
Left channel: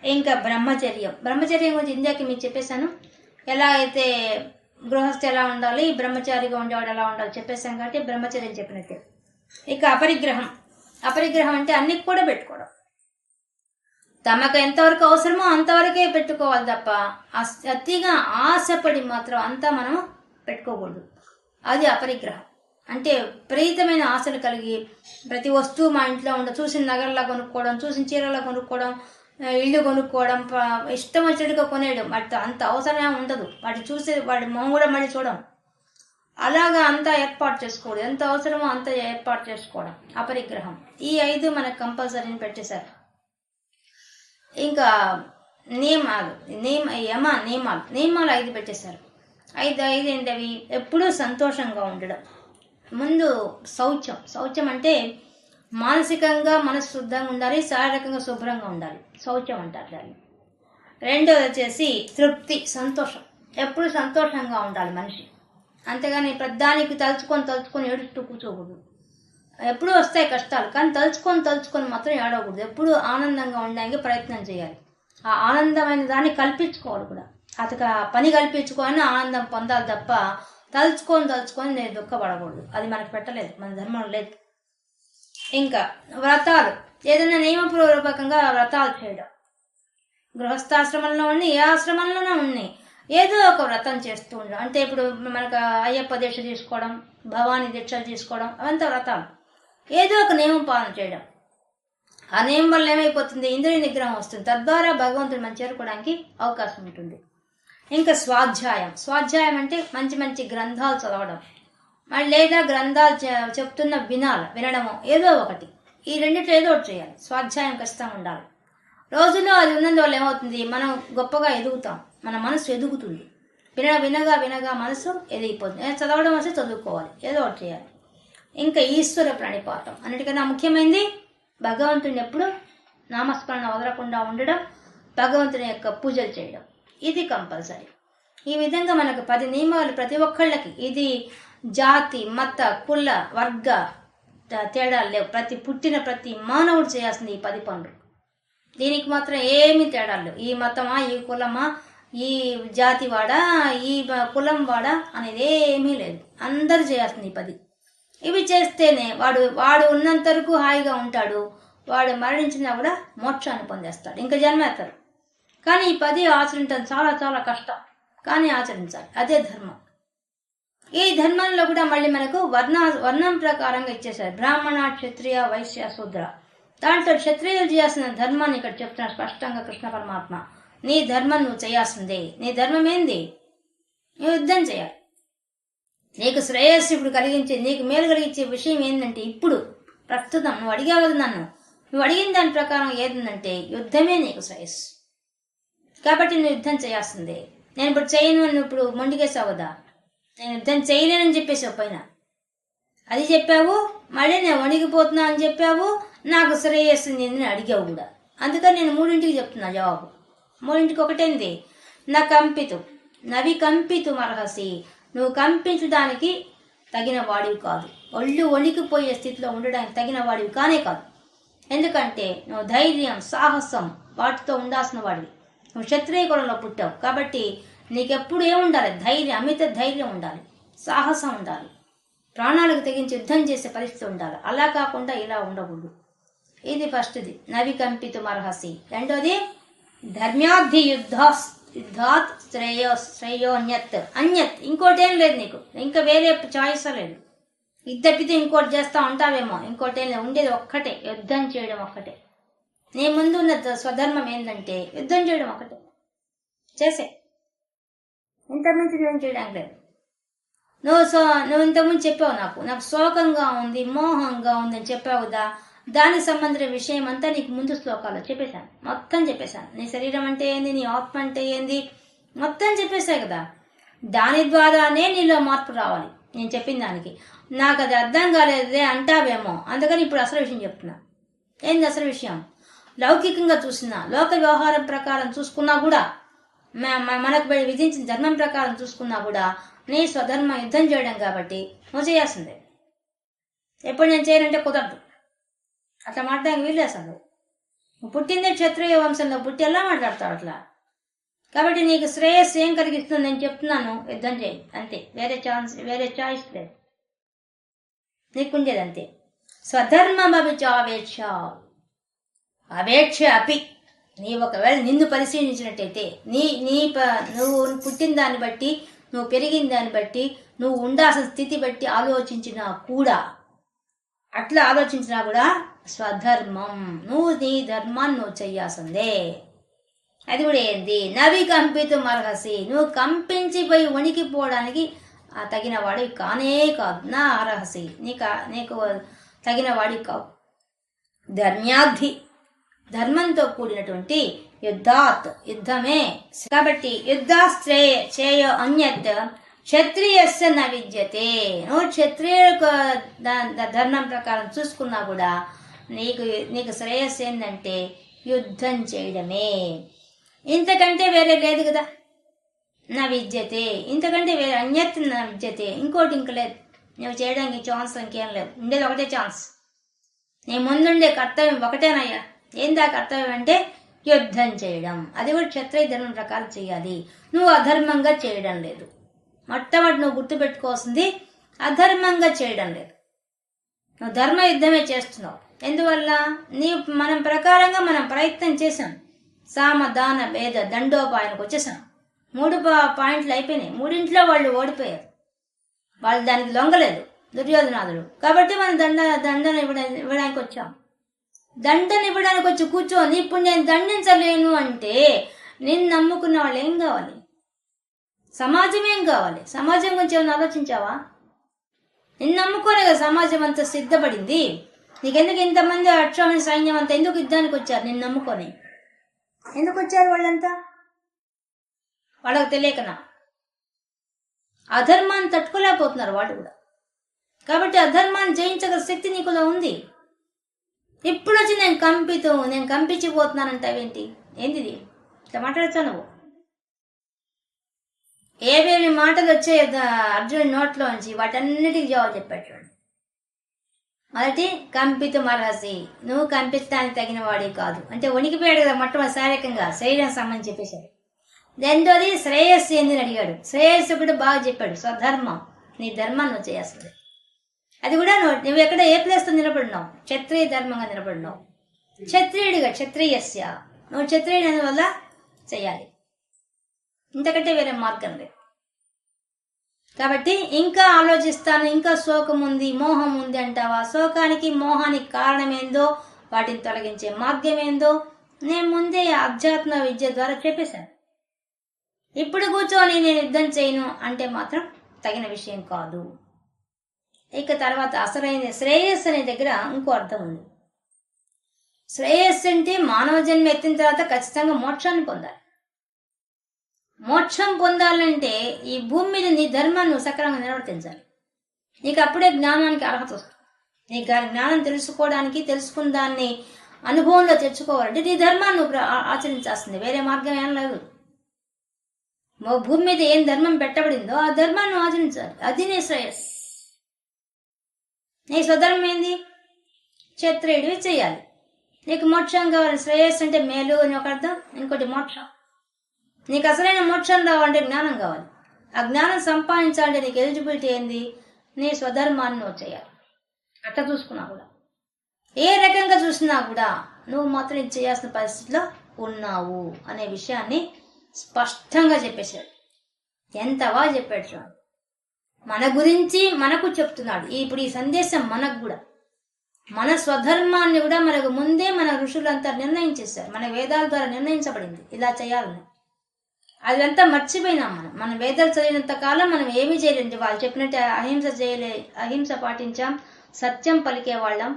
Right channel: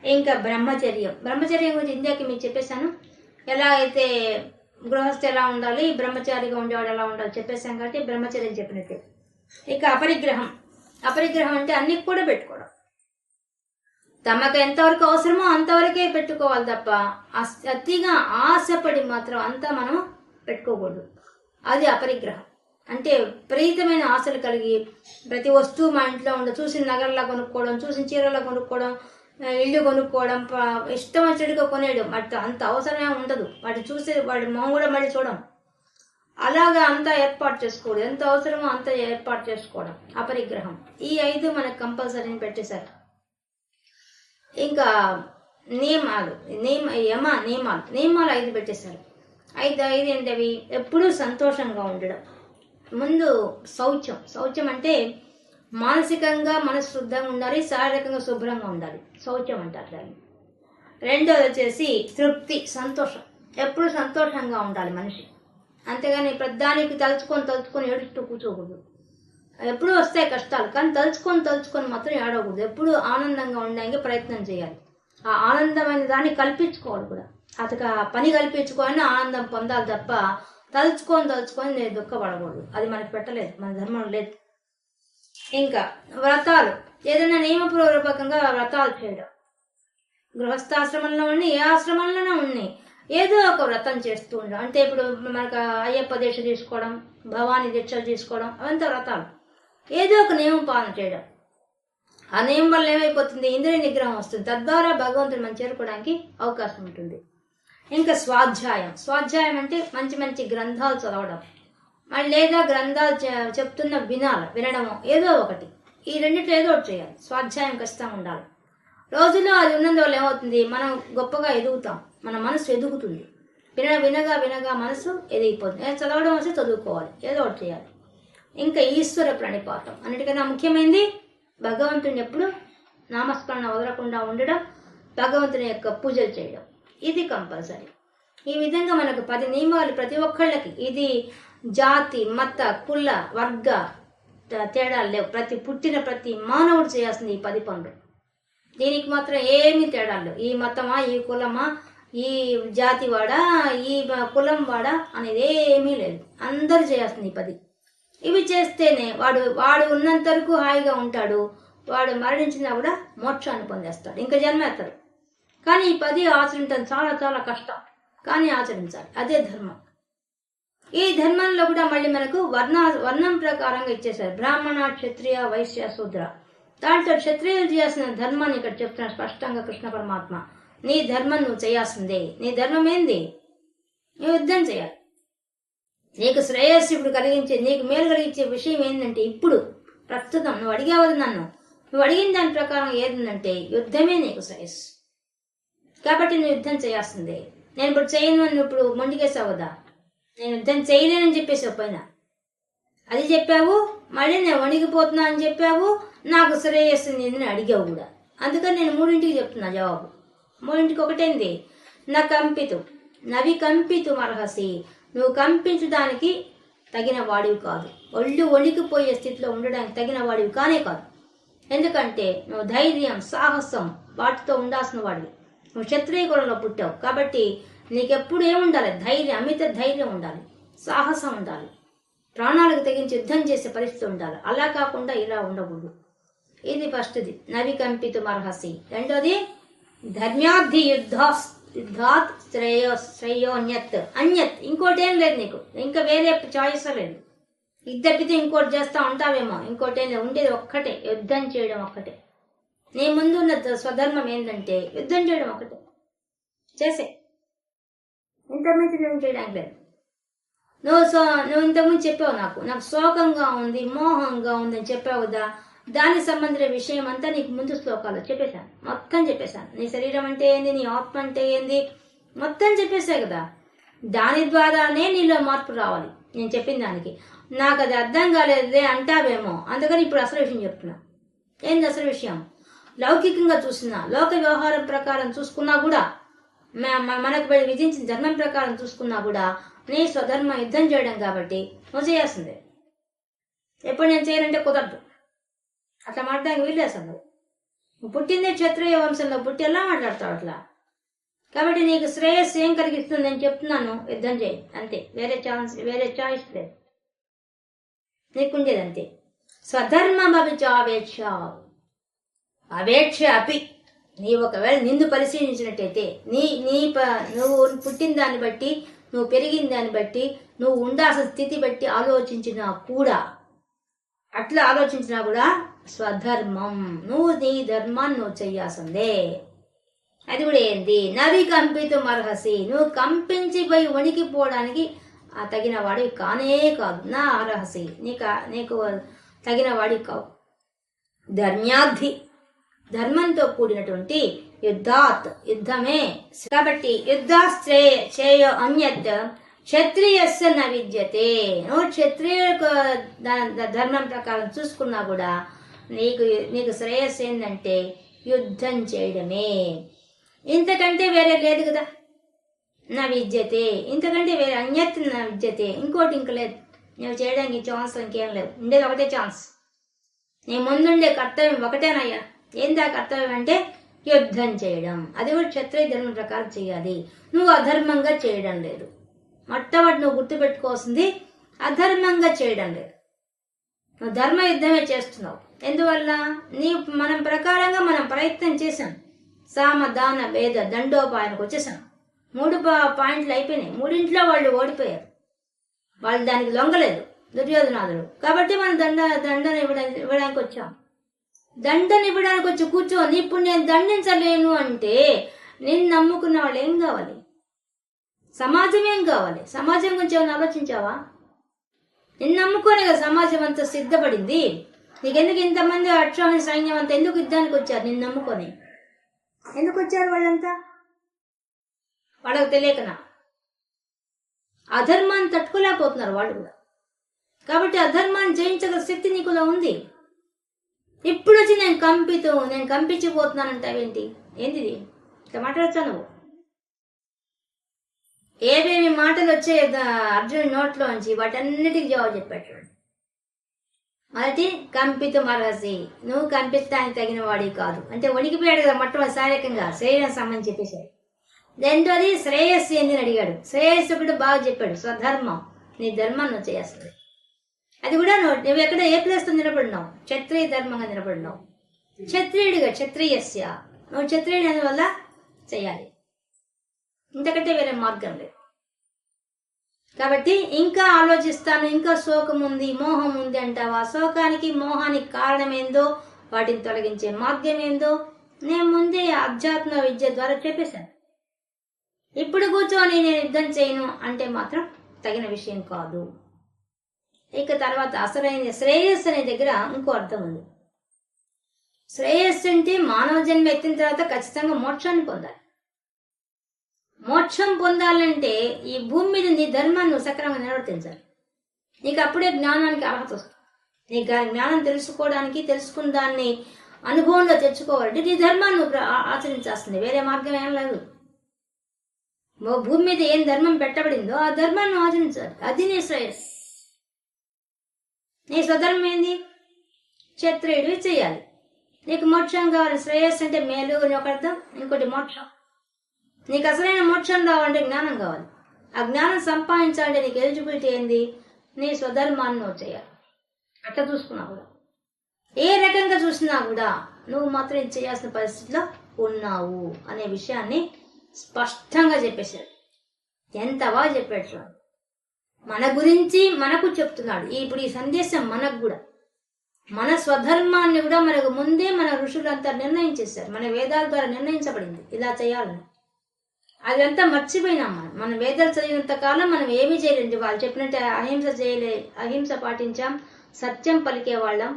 ఇంకా బ్రహ్మచర్యం గురించి ఇందాక మీకు చెప్పేశాను. ఎలా అయితే గృహస్థ ఎలా ఉండాలి, బ్రహ్మచారిగా ఉండేవాడు ఎలా ఉండాలి చెప్పేశాం కాబట్టి బ్రహ్మచర్యం చెప్పినట్టే. ఇక అపరిగ్రహం అంటే అన్ని కూడా పెట్టుకోవడం. తమకు ఎంతవరకు అవసరమో అంతవరకే పెట్టుకోవాలి తప్ప అతిగా ఆశపడి మాత్రం అంతా మనం పెట్టుకోకూడదు. అది అపరిగ్రహం. అంటే విపరీతమైన ఆశలు కలిగి ప్రతి వస్తువు మా ఇంట్లో చూసిన నగరలా కొనుక్కోవడం, చూసిన చీరలా కొనుక్కోవడం, ఇల్లు కొనుక్కోవడం, ఇష్టం వచ్చినట్టుగా కొనేయడం. అంత అవసరమే ఉండదు. వాటి చూసి వాడి మొహం కూడా మళ్ళీ చూడడం. అలాగా అంతా ఏర్పాటు చేసుకోవడం, ఎంత అవసరమో అంత ఏర్పాటు చేసుకోవడం అపరిగ్రహం. ఈ 5 మనకు కంపల్సరీ పెట్టేశారు. ఇంకా నియమాలు 5 పెట్టేశారు. 5 ఏంటవి? ఎప్పుడూ సంతోషంగా ఉండడం. ముందు శౌచం అంటే మానసికంగా మనసు శుద్ధంగా ఉండాలి, శారీరకంగా శుభ్రంగా ఉండాలి. శౌచం అంటారు దాన్ని. రెండోది వచ్చేసి తృప్తి, సంతోషం. ఎప్పుడు సంతోషంగా ఉండాలి మనిషి. అంతేగాని ప్రతిదానికి తలుచుకొని ఏడుస్తూ కూర్చోకూడదు. ఎప్పుడు వస్తాయి కష్టాలు, కానీ తలుచుకొని మాత్రం ఏడవకూడదు. ఎప్పుడు ఆనందంగా ఉండడానికి ప్రయత్నం చేయాలి. ఆ ఆనందమైన దాన్ని కల్పించుకోవాలి కూడా. అతక పని కల్పించుకొని ఆనందం పొందాలి తప్ప తలుచుకొని నేను దుఃఖపడకూడదు. అది మనకు పెట్టలేదు, మన ధర్మం లేదు. ఇంకా వ్రతాలు. ఏదైనా నియమపూర్వకంగా వ్రతాలు చేయడం. గృహస్థాశ్రమంలో ఉండి ఏ ఆశ్రమంలోనే ఉన్నాయి ఏదో ఒక వ్రతం చేస్తూ ఉండడం. అంటే ఇప్పుడు మనకు అయ్యప్ప దీక్ష తీసుకోవడం, భవానీ దీక్షలు తీసుకోవడం, అవంతా వ్రతాలు. ఏదో ఒక నియమం పాలన చేయడం. ఆ నియమం వల్ల ఏమైపోతుంది? ఇంద్రియ నిగ్రహం వస్తుంది. తద్వారా భగవంతుడు మనం చేరుకోవడానికి అవకాశం ఉంటుంది. ఇంకా స్వాధ్యాయం అంటే మంచి గ్రంథాలు చదవడం, లేదా గ్రంథాలు చెప్తున్న వినడము, ఏదో ఒకటి. ఈ రెండిట్లో ఏదో ఒకటి చేయాలి. స్వాధ్యాయం ఖచ్చితంగా ఉండాలి. రోజులో అది ఉన్నందువల్ల ఏమవుతుంది? మనం గొప్పగా ఎదుగుతాం, మన మనసు ఎదుగుతుంది. వినగా మనసు ఎదిగిపోతుంది. చదవడం వస్తే చదువుకోవాలి, ఏదో ఒకటి చేయాలి. ఇంకా ఈశ్వర ప్రణిపాతం. అన్నిటికన్నా ముఖ్యమైనది భగవంతుని ఎప్పుడు నామస్మరణ వదలకుండా ఉండడం, భగవంతుని యొక్క పూజలు చేయడం. ఇది కంపల్సరీ. ఈ విధంగా మనకు 10 నియమాలు ప్రతి ఒక్కళ్ళకి. ఇది జాతి, మత, కుల, వర్గ తేడాలు లేవు. పుట్టిన ప్రతి మానవుడు చేయాల్సింది ఈ 10 పనులు. దీనికి మాత్రం ఏమీ తేడాలు లేవు. ఈ మతమా, ఈ కులమా, ఈ జాతి వాడా, ఈ కులం వాడా అనేది ఏమీ లేదు. అందరు చేయాల్సింది ఈ 10. ఇవి చేస్తేనే వాడు ఉన్నంత వరకు హాయిగా ఉంటాడు. వాడు మరణించినా కూడా మోక్షాన్ని పొందేస్తాడు, ఇంకా జన్మేస్తాడు. కానీ ఈ 10 ఆచరించడం చాలా చాలా కష్టం, కానీ ఆచరించాలి. అదే ధర్మం. ఈ ధర్మంలో కూడా మళ్ళీ మనకు వర్ణం ప్రకారంగా ఇచ్చేశారు. బ్రాహ్మణ, క్షత్రియ, వైశ్య, శూద్ర. దాంట్లో క్షత్రియులు చేయాల్సిన ధర్మాన్ని ఇక్కడ చెప్తున్నాడు స్పష్టంగా కృష్ణ పరమాత్మ. నీ ధర్మం నువ్వు చేయాల్సిందే. నీ ధర్మం ఏంది? నువ్వు యుద్ధం చేయాలి. నీకు శ్రేయస్సు ఇప్పుడు కలిగించే, నీకు మేలు కలిగించే విషయం ఏంటంటే, ఇప్పుడు ప్రస్తుతం నువ్వు అడిగావు నన్ను, నువ్వు అడిగిన దాని ప్రకారం ఏంటంటే యుద్ధమే నీకు శ్రేయస్సు. కాబట్టి నువ్వు యుద్ధం చేయాల్సిందే. నేను ఇప్పుడు చేయను, నువ్వు ఇప్పుడు మొండికేసావుదా? నేను యుద్ధం చేయలేనని చెప్పేసావు పైన, అది చెప్పావు. మళ్ళీ నేను వణిగిపోతున్నా అని చెప్పావు. నాకు శ్రేయస్సు నేను అడిగావు కూడా. అందుకని నేను 3ంటికి చెప్తున్నా జవాబు. 3ంటికి ఒకటేంది? నవి కంపితు అర్హసి. నువ్వు కంపించడానికి తగిన వాడివి కాదు. ఒళ్ళు వణికిపోయే స్థితిలో ఉండడానికి తగిన వాడివి కానే కాదు. ఎందుకంటే నువ్వు ధైర్యం, సాహసం వాటితో ఉండాల్సిన వాడివి. నువ్వు క్షత్రియ కులంలో పుట్టావు కాబట్టి నీకెప్పుడు ఏముండాలి? ధైర్యం, అమిత ధైర్యం ఉండాలి, సాహసం ఉండాలి, ప్రాణాలకు తెగించి యుద్ధం చేసే పరిస్థితి ఉండాలి. అలా కాకుండా ఇలా ఉండకూడదు. ఇది ఫస్ట్ది, నవి కంపితు అర్హసి. రెండోది ధర్మ్యాద్ధి యుద్ధాత్ శ్రేయోన్యత్. అన్యత్ ఇంకోటేం లేదు నీకు, ఇంకా వేరే చాయిస్ లేదు. ఇది తప్పితే ఇంకోటి చేస్తా ఉంటావేమో. ఇంకోటేం లేదు, ఉండేది ఒక్కటే, యుద్ధం చేయడం ఒక్కటే. నీ ముందు ఉన్న స్వధర్మం ఏంటంటే యుద్ధం చేయడం ఒకటే. చేసే ఇంతకుమించి ఏం చేయడానికి లేదు. నువ్వు ఇంతకుముందు చెప్పావు, నాకు శోకంగా ఉంది, మోహంగా ఉంది అని చెప్పావు కదా. దానికి సంబంధించిన విషయం అంతా నీకు ముందు శ్లోకాల్లో చెప్పేశాను, మొత్తం చెప్పేశాను. నీ శరీరం అంటే ఏంది, నీ ఆత్మ అంటే ఏంది, మొత్తం చెప్పేశావు కదా. దాని ద్వారానే నీలో మార్పు రావాలి. నేను చెప్పిన దానికి నాకు అది అర్థం కాలేదే అంటావేమో, అందుకని ఇప్పుడు అసలు విషయం చెప్తున్నా. ఏంది అసలు విషయం? లౌకికంగా చూసినా, లోక వ్యవహారం ప్రకారం చూసుకున్నా కూడా, మనకు విధించిన ధర్మం ప్రకారం చూసుకున్నా కూడా నీ స్వధర్మ యుద్ధం చేయడం కాబట్టి నువ్వు చేయాల్సిందే. ఎప్పుడు నేను చేయాలంటే కుదరదు, అట్లా మాట్లాడడానికి వీలు అసలు. నువ్వు పుట్టిందే క్షత్రియ వంశంలో పుట్టి ఎలా మాట్లాడతావు అట్లా? కాబట్టి నీకు శ్రేయస్సు ఏం కలిగిస్తుంది నేను చెప్తున్నాను, యుద్ధం చేయి అంతే. వేరే చాయిస్ లేదు, నీకుండేది అంతే. స్వధర్మం అభిచావేక్ష అవేక్ష అపి. నీ ఒకవేళ నిన్ను పరిశీలించినట్టయితే నువ్వు పుట్టిన దాన్ని బట్టి, నువ్వు పెరిగిన దాన్ని బట్టి, నువ్వు ఉండాల్సిన స్థితి బట్టి ఆలోచించినా కూడా, అట్లా ఆలోచించినా కూడా స్వధర్మం, నువ్వు నీ ధర్మాన్ని నువ్వు చెయ్యాల్సిందే. అది కూడా ఏంది? నవి కంపితు అర్హసి. నువ్వు కంపించిపోయి వణికిపోవడానికి తగిన వాడివి కానే కాదు. నా అర్హసి, నీకు తగిన వాడివి కావు. ధర్మ్యాద్ధి, ధర్మంతో కూడినటువంటి యుద్ధమే. కాబట్టి యుద్ధ అన్యత్ క్షత్రియస్య న విద్యతే. నువ్వు క్షత్రియ ధర్మం ప్రకారం చూసుకున్నా కూడా నీకు శ్రేయస్సు ఏంటంటే యుద్ధం చేయడమే. ఇంతకంటే వేరే లేదు కదా. నా విద్యతే, ఇంతకంటే వేరే అన్యత్ నా విద్యతే, ఇంకోటి ఇంక లేదు. నువ్వు చేయడానికి ఛాన్స్ ఇంకేం లేదు, ఉండేది ఒకటే ఛాన్స్. నీ ముందుండే కర్తవ్యం ఒకటేనయ్యా. ఏందా కర్తవ్యం అంటే యుద్ధం చేయడం. అది కూడా క్షత్రియ ధర్మం ప్రకారం చేయాలి. నువ్వు అధర్మంగా చేయడం లేదు. మొట్టమొదటి నువ్వు గుర్తుపెట్టుకోవాల్సింది అధర్మంగా చేయడం లేదు. నువ్వు ధర్మ యుద్ధమే చేస్తున్నావు. ఎందువల్ల? మనం ప్రకారంగా మనం ప్రయత్నం చేశాం. సామ దాన భేద దండోపాయానికి వచ్చేసాం. 3 పాయింట్లు అయిపోయినాయి. 3ఇంట్లో వాళ్ళు ఓడిపోయారు. వాళ్ళు దానికి లొంగలేదు, దుర్యోధనాదులు. కాబట్టి మనం దండన ఇవ్వడానికి వచ్చాం. దండన ఇవ్వడానికి వచ్చి కూర్చొని ఇప్పుడు నేను దండించలేను అంటే నిన్ను నమ్ముకున్న వాళ్ళు ఏం కావాలి? సమాజం ఏం కావాలి? సమాజం గురించి ఏమైనా ఆలోచించావా? నిన్ను నమ్ముకోనే కదా సమాజం అంతా సిద్ధపడింది. నీకెందుకు ఇంతమంది అక్షోహిణి సైన్యం అంతా ఎందుకు యుద్ధానికి వచ్చారు? నిన్ను నమ్ముకొని ఎందుకు వచ్చారు వాళ్ళంతా? వాళ్ళకు తెలియకనా? అధర్మాన్ని తట్టుకోలేకపోతున్నారు వాళ్ళు కూడా. కాబట్టి అధర్మాన్ని జయించగల శక్తి నీకు ఉంది. ఇప్పుడు వచ్చి నేను కంపించిపోతున్నానంటావేంటి? ఏంది ఇట్లా మాట్లాడచ్చా నువ్వు? ఏవేమి మాటలు వచ్చే అర్జునుడి నోట్లోంచి వాటన్నిటికీ జవాబు చెప్పాడు. మొదటి కంపితుమర్హసి, నువ్వు కంపించడానికి తగిన వాడి కాదు అంటే వణికిపోయాడు కదా మొట్టమొదటి శారీరకంగా, శరీరం సంబంధించి చెప్పేశాడు. రెండోది శ్రేయస్సు ఏందని అడిగాడు. శ్రేయస్సు కూడా బాగా చెప్పాడు, స్వధర్మం, నీ ధర్మం నువ్వు చేయాల్సింది. అది కూడా నువ్వు ఎక్కడ ఏ ప్లేస్తో నిలబడినావు, క్షత్రియ ధర్మంగా నిలబడినావు. క్షత్రియుడిగా క్షత్రియస్య, నువ్వు క్షత్రియుడు అందువల్ల చేయాలి, ఇంతకంటే వేరే మార్గం లేదు. కాబట్టి ఇంకా ఆలోచిస్తాను, ఇంకా శోకం ఉంది, మోహం ఉంది అంటావా? శోకానికి మోహానికి కారణం ఏందో, వాటిని తొలగించే మార్గం ఏందో నేను ముందే అధ్యాత్మ విద్య ద్వారా చెప్పేశాను. ఇప్పుడు కూర్చొని నేను యుద్ధం చేయను అంటే మాత్రం తగిన విషయం కాదు. ఇక తర్వాత అసలైన శ్రేయస్సు అనే దగ్గర ఇంకో అర్థం ఉంది. శ్రేయస్సు అంటే మానవ జన్మ ఎత్తిన తర్వాత ఖచ్చితంగా మోక్షాన్ని పొందాలి. మోక్షం పొందాలంటే ఈ భూమి మీద నీ ధర్మాన్ని నువ్వు సక్రమంగా నిర్వర్తించాలి. నీకు అప్పుడే జ్ఞానానికి అర్హత వస్తుంది. నీకు జ్ఞానం తెలుసుకోవడానికి, తెలుసుకున్న దాన్ని అనుభవంలో తెచ్చుకోవాలంటే నీ ధర్మాన్ని నువ్వు ఆచరించాల్సింది, వేరే మార్గం ఏం లేదు. భూమి మీద ఏం ధర్మం పెట్టబడిందో ఆ ధర్మాన్ని ఆచరించాలి, అది నీ శ్రేయస్సు. నీ స్వధర్మం ఏంది? క్షత్రియుడివి చేయాలి. నీకు మోక్షం కావాలి, శ్రేయస్సు అంటే మేలు అని ఒక అర్థం, ఇంకోటి మోక్షం. నీకు అసలైన మోక్షం రావాలంటే జ్ఞానం కావాలి. ఆ జ్ఞానం సంపాదించాలంటే నీకు ఎలిజిబిలిటీ ఏంది? నీ స్వధర్మాన్ని నువ్వు చేయాలి. అట్లా చూసుకున్నా కూడా, ఏ రకంగా చూసినా కూడా నువ్వు మాత్రం ఇది చేయాల్సిన పరిస్థితిలో ఉన్నావు అనే విషయాన్ని స్పష్టంగా చెప్పేశాడు. ఎంత బాగా చెప్పాడు. మన గురించి మనకు చెప్తున్నాడు. ఇప్పుడు ఈ సందేశం మనకు కూడా, మన స్వధర్మాన్ని కూడా మనకు ముందే మన ఋషులంతా నిర్ణయించేశారు. మన వేదాల ద్వారా నిర్ణయించబడింది ఇలా చేయాలని. అదంతా మర్చిపోయినాం మనం. మన వేదాలు చదివినంత కాలం మనం ఏమీ చేయలేదు. వాళ్ళు చెప్పినట్టు అహింస పాటించాం, సత్యం పలికే వాళ్ళం,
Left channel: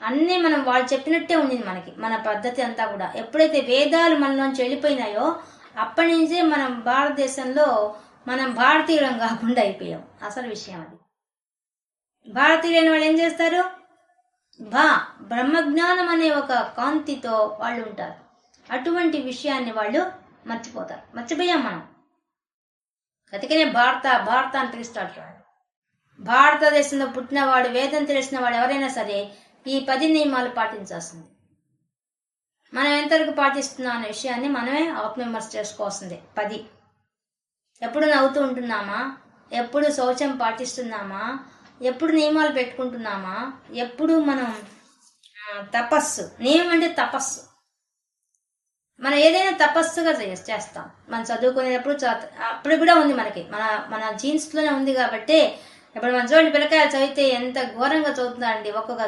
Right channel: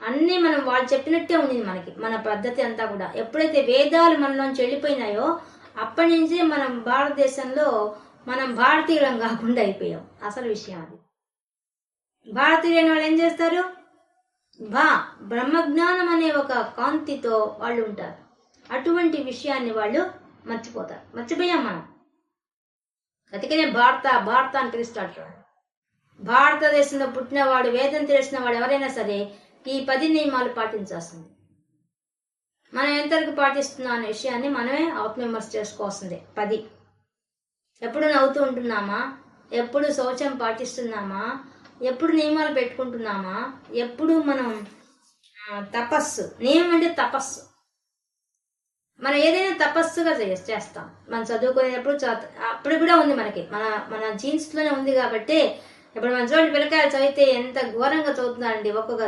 అన్నీ మనం వాళ్ళు చెప్పినట్టే ఉండింది మనకి. మన పద్ధతి అంతా కూడా ఎప్పుడైతే వేదాలు మనలోంచి వెళ్ళిపోయినాయో అప్పటి నుంచే మనం భారతదేశంలో మనం భారతీయులం కాకుండా అయిపోయాం. అసలు విషయం అది. భారతీయులైన వాళ్ళు ఏం చేస్తారు? బ్రహ్మజ్ఞానం అనే ఒక కాంతితో వాళ్ళు ఉంటారు. అటువంటి విషయాన్ని వాళ్ళు మర్చిపోతారు. మర్చిపోయాం మనం. అందుకనే భారత అని పిలుస్తాడు చూడండి. భారతదేశంలో పుట్టినవాడు, వేదం తెలిసిన వాడు ఎవరైనా సరే ఈ 10 నియమాలు పాటించాల్సింది. మనం ఎంతవరకు పాటిస్తున్నాం అనే విషయాన్ని మనమే ఆత్మవిమర్శ చేసుకోవాల్సిందే. 10. ఎప్పుడు నవ్వుతూ ఉంటున్నామా? ఎప్పుడు శౌచం పాటిస్తున్నామా? ఎప్పుడు నియమాలు పెట్టుకుంటున్నామా? ఎప్పుడు మనం తపస్సు, నియమం అంటే తపస్సు. మనం ఏదైనా తపస్సుగా చేస్తాం. మనం చదువుకునేటప్పుడు అప్పుడు కూడా ఉంది మనకి, మన జీన్స్ లోనే ఉంది. కాబట్టి ఇప్పుడు మన చూడండి, పిల్లకాయలు చదివితే ఎంత ఘోరంగా చదువుతున్నారండి. ఒక్కొక్క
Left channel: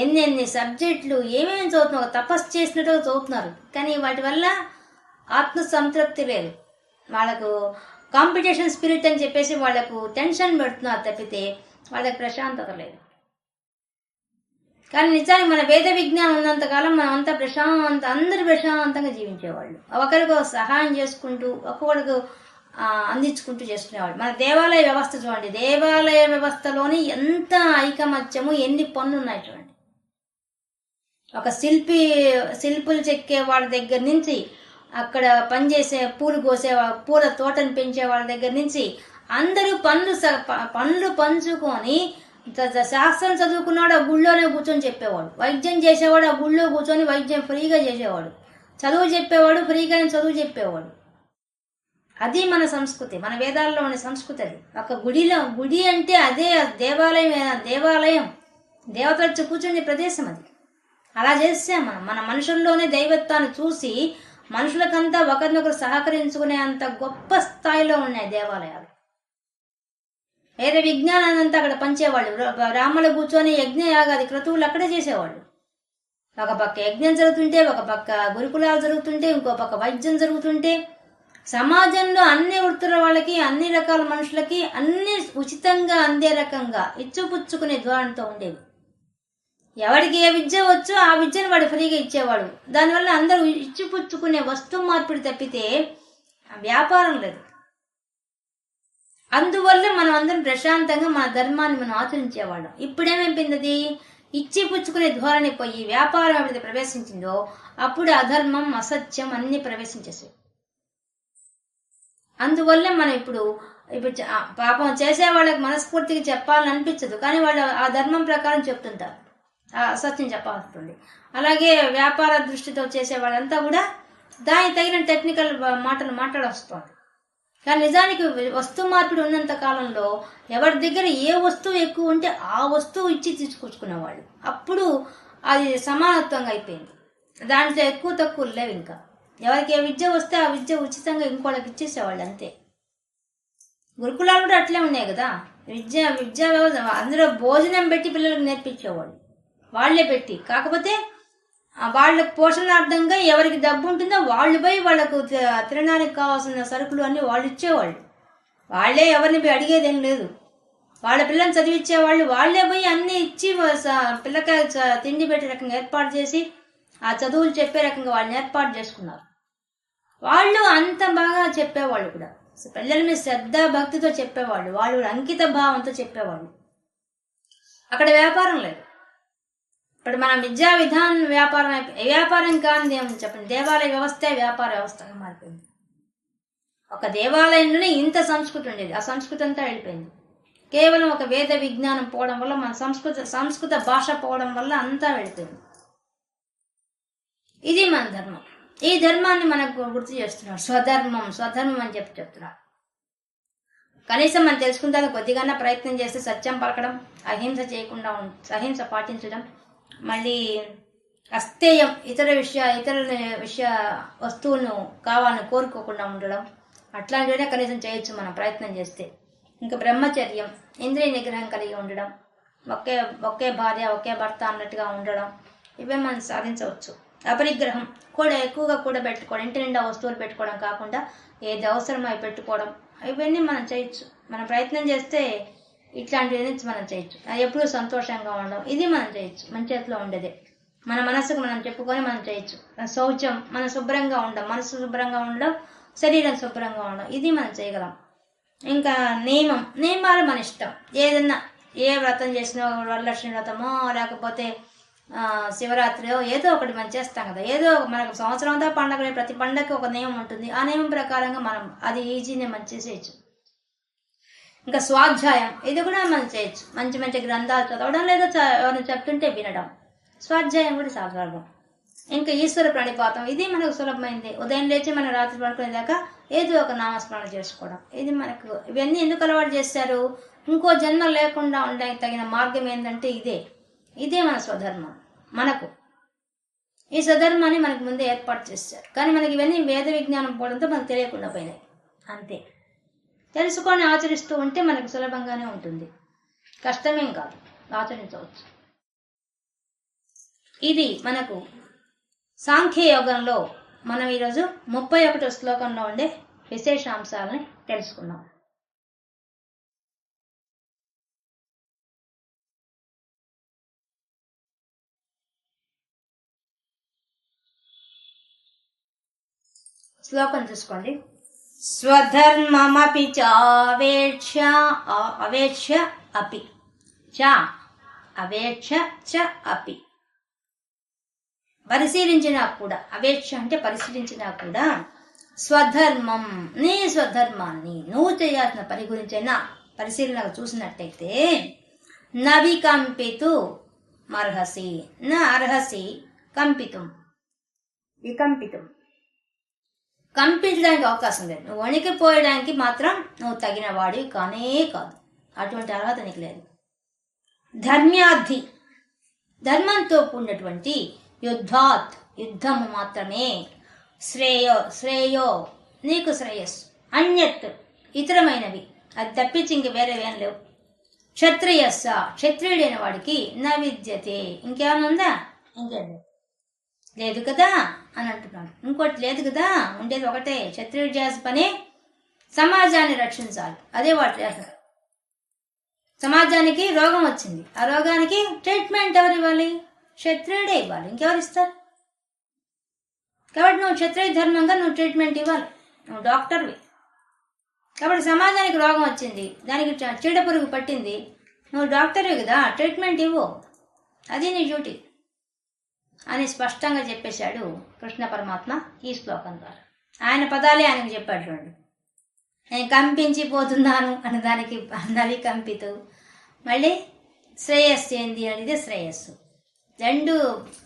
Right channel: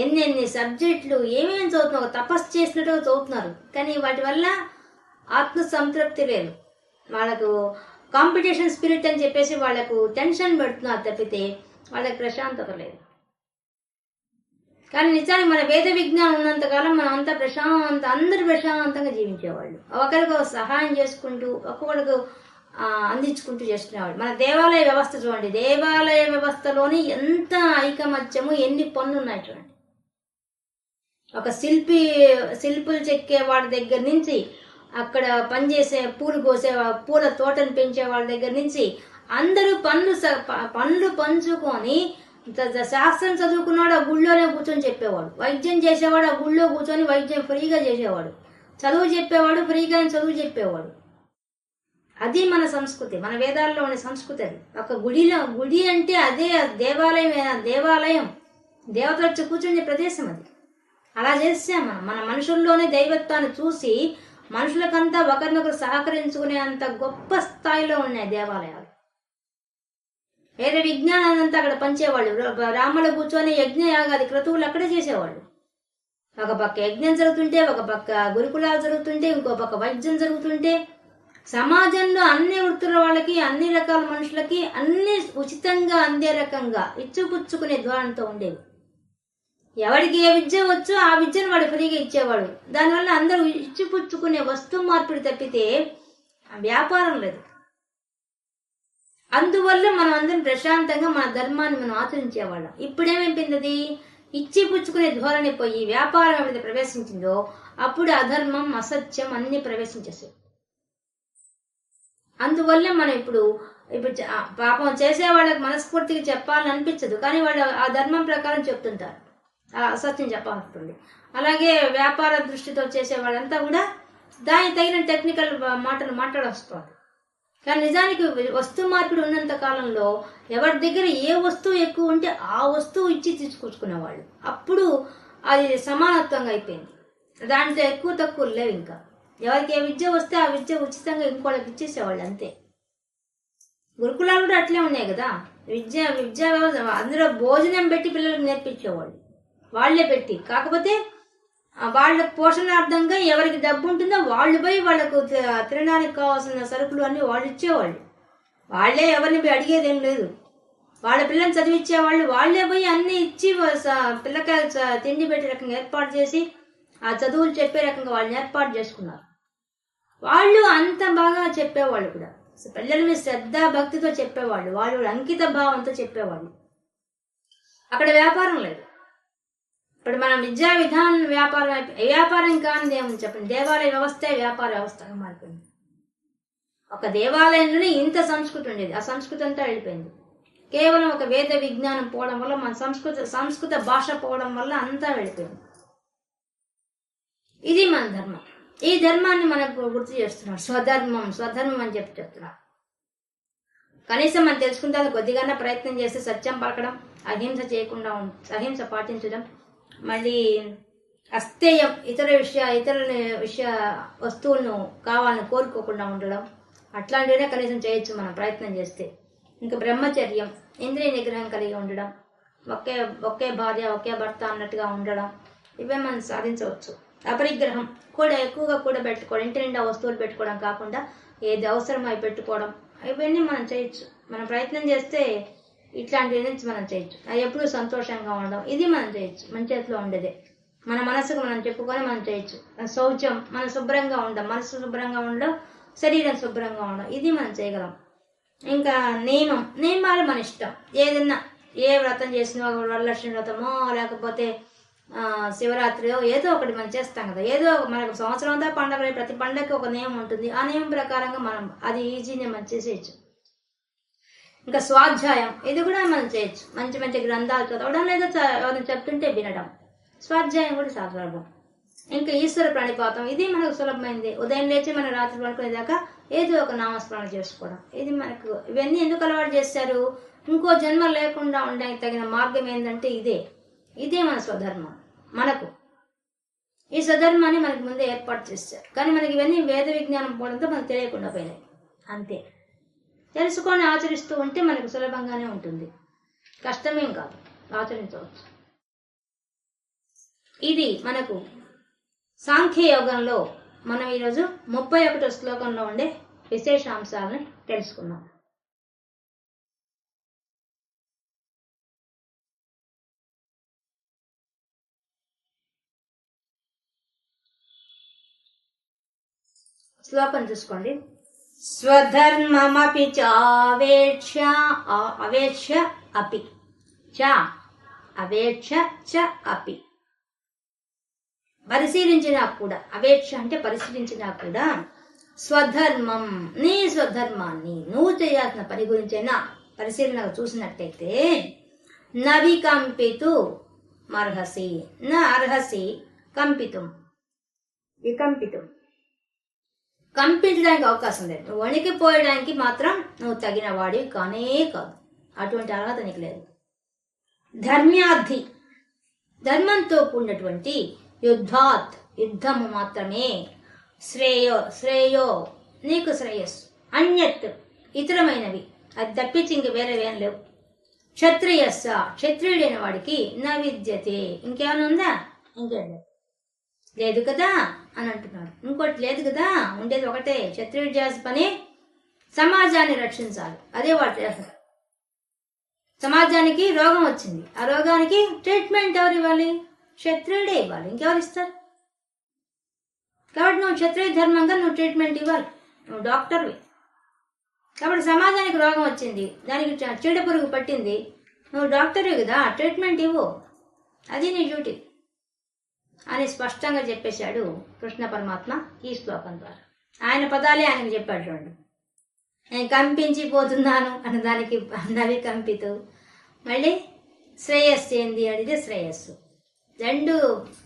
ఎన్ని సబ్జెక్టులు ఏమేమి చదువుతున్నారు, తపస్సు చేసినట్టుగా చదువుతున్నారు. కానీ వాటి వల్ల ఆత్మ సంతృప్తి లేదు. వాళ్ళకు కాంపిటీషన్ స్పిరిట్ అని చెప్పేసి వాళ్ళకు టెన్షన్ పెడుతున్నారు తప్పితే వాళ్ళకి ప్రశాంతత లేదు. కానీ నిజానికి మన వేద విజ్ఞానం ఉన్నంతకాలం మనం అంతా అందరూ ప్రశాంతంగా జీవించేవాళ్ళు. ఒకరికి సహాయం చేసుకుంటూ, ఒక్కొక్కరికి అందించుకుంటూ చేసుకునేవాళ్ళు. మన దేవాలయ వ్యవస్థ చూడండి. దేవాలయ వ్యవస్థలోని ఎంత ఐకమత్యము, ఎన్ని పనులు ఉన్నాయి చూడండి. ఒక శిల్పులు చెక్కే వాళ్ళ దగ్గర నుంచి, అక్కడ పనిచేసే పూల తోటను పెంచే వాళ్ళ దగ్గర నుంచి అందరూ పనులు పంచుకొని, శాస్త్రం చదువుకున్నాడు ఆ గుళ్ళోనే కూర్చొని చెప్పేవాడు. వైద్యం చేసేవాడు ఆ గుళ్ళో కూర్చొని వైద్యం ఫ్రీగా చేసేవాడు. చదువు చెప్పేవాడు ఫ్రీగానే చదువు చెప్పేవాడు. అది మన సంస్కృతి, మన వేదాల్లో ఉన్న సంస్కృతి. అది ఒక గుడి అంటే అదే దేవాలయం, దేవతలు కూర్చునే ప్రదేశం అది. అలా చేసాం మన మనుషుల్లోనే దైవత్వాన్ని చూసి మనుషులకంతా ఒకరినొకరు సహకరించుకునే అంత గొప్ప స్థాయిలో ఉన్నాయి దేవాలయాలు. వేరే విజ్ఞానాన్ని అంతా అక్కడ పంచేవాళ్ళు. బ్రాహ్మణులు కూర్చొని యజ్ఞయాగాది క్రతువులు అక్కడే చేసేవాళ్ళు. ఒక పక్క యజ్ఞం జరుగుతుంటే, ఒక పక్క గురుకులాలు జరుగుతుంటే, ఇంకో పక్క వైద్యం జరుగుతుంటే, సమాజంలో అన్ని వృత్తుల వాళ్ళకి, అన్ని రకాల మనుషులకి అన్ని ఉచితంగా అందే రకంగా ఇచ్చుపుచ్చుకునే ధోరణితో ఉండేవి. ఎవరికి ఏ విద్య వచ్చో ఆ విద్యను వాడు ఫ్రీగా ఇచ్చేవాడు. దానివల్ల అందరూ ఇచ్చిపుచ్చుకునే వస్తువు మార్పిడి తప్పితే వ్యాపారం లేదు. అందువల్ల మనం అందరం ప్రశాంతంగా మన ధర్మాన్ని మనం ఆచరించేవాళ్ళం. ఇప్పుడేమైపోయింది? ఇచ్చి పుచ్చుకునే ధోరణి పోయి వ్యాపారం ఎప్పుడైతే ప్రవేశించిందో అప్పుడు అధర్మం, అసత్యం అన్ని ప్రవేశించేసాయి. అందువల్ల మనం ఇప్పుడు పాపం చేసే వాళ్ళకి మనస్ఫూర్తిగా చెప్పాలని అనిపించదు, కానీ వాళ్ళు ఆ ధర్మం ప్రకారం చెప్తుంటారు, అసత్యం చెప్పాల్సింది. అలాగే వ్యాపార దృష్టితో చేసే వాళ్ళంతా కూడా దానికి తగిన టెక్నికల్ మాటలు మాట్లాడొస్తారు. కానీ నిజానికి వస్తు మార్పిడి ఉన్నంత కాలంలో ఎవరి దగ్గర ఏ వస్తువు ఎక్కువ ఉంటే ఆ వస్తువు ఇచ్చి తీసుకొచ్చుకునేవాళ్ళు. అప్పుడు అది సమానత్వంగా అయిపోయింది. దాంట్లో ఎక్కువ తక్కువ లేవు. ఇంకా ఎవరికి ఏ విద్య వస్తే ఆ విద్య ఉచితంగా ఇంకోళ్ళకి ఇచ్చేసేవాళ్ళు అంతే. గురుకులాలు కూడా అట్లే ఉన్నాయి కదా. విద్యా వ్యవస్థ అందులో భోజనం పెట్టి పిల్లలకు నేర్పించేవాళ్ళు, వాళ్లే పెట్టి. కాకపోతే వాళ్ళకు పోషణార్థంగా ఎవరికి డబ్బు ఉంటుందో వాళ్ళు పోయి వాళ్ళకు తినడానికి కావాల్సిన సరుకులు అన్ని వాళ్ళు ఇచ్చేవాళ్ళు. వాళ్లే ఎవరిని పోయి అడిగేదేం లేదు. వాళ్ళ పిల్లల్ని చదివించేవాళ్ళు వాళ్లే పోయి అన్ని ఇచ్చి పిల్లకాయ తిండి పెట్టే రకంగా ఏర్పాటు చేసి ఆ చదువులు చెప్పే రకంగా వాళ్ళని ఏర్పాటు చేసుకున్నారు. వాళ్ళు అంత బాగా చెప్పేవాళ్ళు కూడా, పిల్లల మీద శ్రద్ధ భక్తితో చెప్పేవాళ్ళు, వాళ్ళు అంకిత భావంతో చెప్పేవాళ్ళు. అక్కడ వ్యాపారం లేదు. ఇప్పుడు మన విద్యా విధానం వ్యాపారం కానిది ఏమని చెప్పండి. దేవాలయ వ్యవస్థ వ్యాపార వ్యవస్థగా మారిపోయింది. ఒక దేవాలయంలోనే ఇంత సంస్కృతి ఉండేది, ఆ సంస్కృతి అంతా వెళ్ళిపోయింది. కేవలం ఒక వేద విజ్ఞానం పోవడం వల్ల, మన సంస్కృత భాష పోవడం వల్ల అంతా వెళ్ళిపోయింది. ఇది మన ధర్మం. ఈ ధర్మాన్ని మనకు గుర్తు చేస్తున్నాడు. స్వధర్మం అని చెప్తున్నాడు. కనీసం మనం తెలుసుకుంటే కొద్దిగానే ప్రయత్నం చేస్తే సత్యం పలకడం, అహింస చేయకుండా అహింస పాటించడం, మళ్ళీ అస్థేయం ఇతర విషయ వస్తువులను కావాలని కోరుకోకుండా ఉండడం, అట్లాంటివనే కనీసం చేయొచ్చు మనం ప్రయత్నం చేస్తే. ఇంకా బ్రహ్మచర్యం, ఇంద్రియ నిగ్రహం కలిగి ఉండడం, ఒకే భార్య ఒకే భర్త అన్నట్టుగా ఉండడం, ఇవే మనం సాధించవచ్చు. అపరిగ్రహం కూడా ఎక్కువగా కూడా పెట్టుకోవడం, ఇంటి నిండా వస్తువులు పెట్టుకోవడం కాకుండా ఏది అవసరం అవి పెట్టుకోవడం, ఇవన్నీ మనం చేయొచ్చు. మనం ప్రయత్నం చేస్తే ఇట్లాంటివి మనం చేయొచ్చు. అది ఎప్పుడూ సంతోషంగా ఉండడం, ఇది మనం చేయొచ్చు. మన చేతిలో ఉండేదే. మన మనసుకు మనం చెప్పుకొని మనం చేయొచ్చు. శౌచం, మన శుభ్రంగా ఉండడం, మనసు శుభ్రంగా ఉండడం, శరీరం శుభ్రంగా ఉండడం, ఇది మనం చేయగలం. ఇంకా నియమాలు మన ఇష్టం. ఏదన్నా ఏ వ్రతం చేసినా, వరలక్ష్మి వ్రతమో లేకపోతే శివరాత్రియో ఏదో ఒకటి మనం చేస్తాం కదా. ఏదో మనకు సంవత్సరం అంతా పండగ, ప్రతి పండగకి ఒక నియమం ఉంటుంది. ఆ నియమం ప్రకారంగా మనం అది ఈజీనే మనం చేసేయచ్చు. ఇంకా స్వాధ్యాయం, ఇది కూడా మనం చేయొచ్చు. మంచి మంచి గ్రంథాలు చదవడం, లేదా ఎవరైనా చెప్తుంటే వినడం, స్వాధ్యాయం కూడా సాధారణం. ఇంకా ఈశ్వర ప్రణిపాతం, ఇది మనకు సులభమైంది. ఉదయం లేచి మన రాత్రి పడుకునేదాకా ఏదో ఒక నామస్మరణ చేసుకోవడం, ఇది మనకు. ఇవన్నీ ఎందుకు అలవాటు చేశారు? ఇంకో జన్మ లేకుండా ఉండడానికి తగిన మార్గం ఏంటంటే ఇదే మన స్వధర్మం. మనకు ఈ స్వధర్మాన్ని మనకు ముందే ఏర్పాటు చేశారు. కానీ మనకి ఇవన్నీ వేద విజ్ఞానం పోవడంతో మనకు తెలియకుండా పోయినాయి అంతే. తెలుసుకొని ఆచరిస్తూ ఉంటే మనకు సులభంగానే ఉంటుంది, కష్టమేం కాదు, ఆచరించవచ్చు. ఇది మనకు సాంఖ్య యోగంలో మనం ఈరోజు 31వ శ్లోకంలో ఉండే విశేషాంశాలని తెలుసుకున్నాం. శ్లోకం చూసుకోండి. స్వధర్మమపి చావేక్ష అపి చ అవేక్ష చ అపి. పరిశీలించినా కూడా, అవేక్ష అంటే పరిశీలించినా కూడా, స్వధర్మం, నీ స్వధర్మాన్ని నువ్వు చేయాల్సిన పని గురించైనా పరిశీలన చూసినట్టయితే, నవికంపితు అర్హసి, నా అర్హసి కంపితం, వికంపితం, కంపించడానికి అవకాశం లేదు. నువ్వు వణికిపోయడానికి మాత్రం నువ్వు తగిన వాడివి కానే కాదు. అటువంటి అర్హత నీకు లేదు. ధర్మ్యార్థి, ధర్మంతో కూడినటువంటి యుద్ధాత్, యుద్ధము మాత్రమే. శ్రేయో నీకు శ్రేయస్సు. అన్యత్ ఇతరమైనవి, అది తప్పించి ఇంక వేరేవేం లేవు. క్షత్రియస్స క్షత్రియుడైన వాడికి నా విద్యతే, ఇంకేమైనా ఉందా? ఇంకేం లేదు కదా అని అంటున్నాడు. ఇంకోటి లేదు కదా, ఉండేది ఒకటే. క్షత్రియుడు చేసే పని సమాజాన్ని రక్షించాలి, అదే వాడు చేస్తారు. సమాజానికి రోగం వచ్చింది, ఆ రోగానికి ట్రీట్మెంట్ ఎవరు ఇవ్వాలి? క్షత్రియుడే ఇవ్వాలి, ఇంకెవరు ఇస్తారు? కాబట్టి నువ్వు క్షత్రియ ధర్మంగా నువ్వు ట్రీట్మెంట్ ఇవ్వాలి, నువ్వు డాక్టర్వి. కాబట్టి సమాజానికి రోగం వచ్చింది, దానికి చీడ పురుగు పట్టింది, నువ్వు డాక్టర్వి కదా, ట్రీట్మెంట్ ఇవ్వు, అది నీ డ్యూటీ అని స్పష్టంగా చెప్పేశాడు కృష్ణ పరమాత్మ ఈ శ్లోకం ద్వారా. ఆయన పదాలే ఆయనకు చెప్పాడు. చూడండి, నేను కంపించిపోతున్నాను అన్న దానికి నవి కంపితు. మళ్ళీ శ్రేయస్సు ఏంది అనేది శ్రేయస్సు.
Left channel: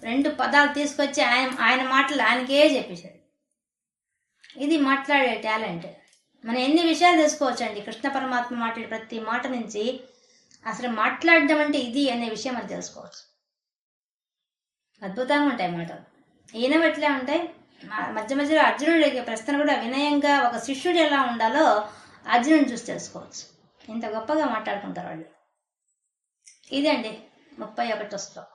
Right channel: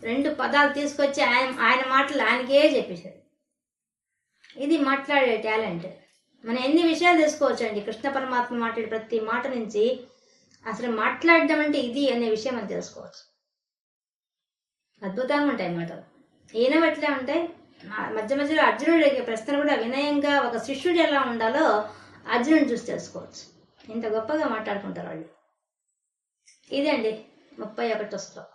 రెండు పదాలు తీసుకొచ్చి ఆయన మాటలు ఆయనకే చెప్పేశాడు. ఇది మాట్లాడే టాలెంట్. మనం ఎన్ని విషయాలు తెలుసుకోవచ్చండి కృష్ణ పరమాత్మ మాట్లాడే ప్రతి మాట నుంచి. అసలు మాట్లాడడం అంటే ఇది అనే విషయం మనం తెలుసుకోవచ్చు. అద్భుతంగా ఉంటాయి మాటలు. ఈయన ఎట్లా ఉంటాయి. మధ్య మధ్యలో అర్జునుడు అడిగే ప్రశ్నలు కూడా వినయంగా ఒక శిష్యుడు ఎలా ఉండాలో అర్జునుడిని చూసి తెలుసుకోవచ్చు. ఇంత గొప్పగా మాట్లాడుకుంటారు వాళ్ళు. ఇదండి 31వ శ్లోకం.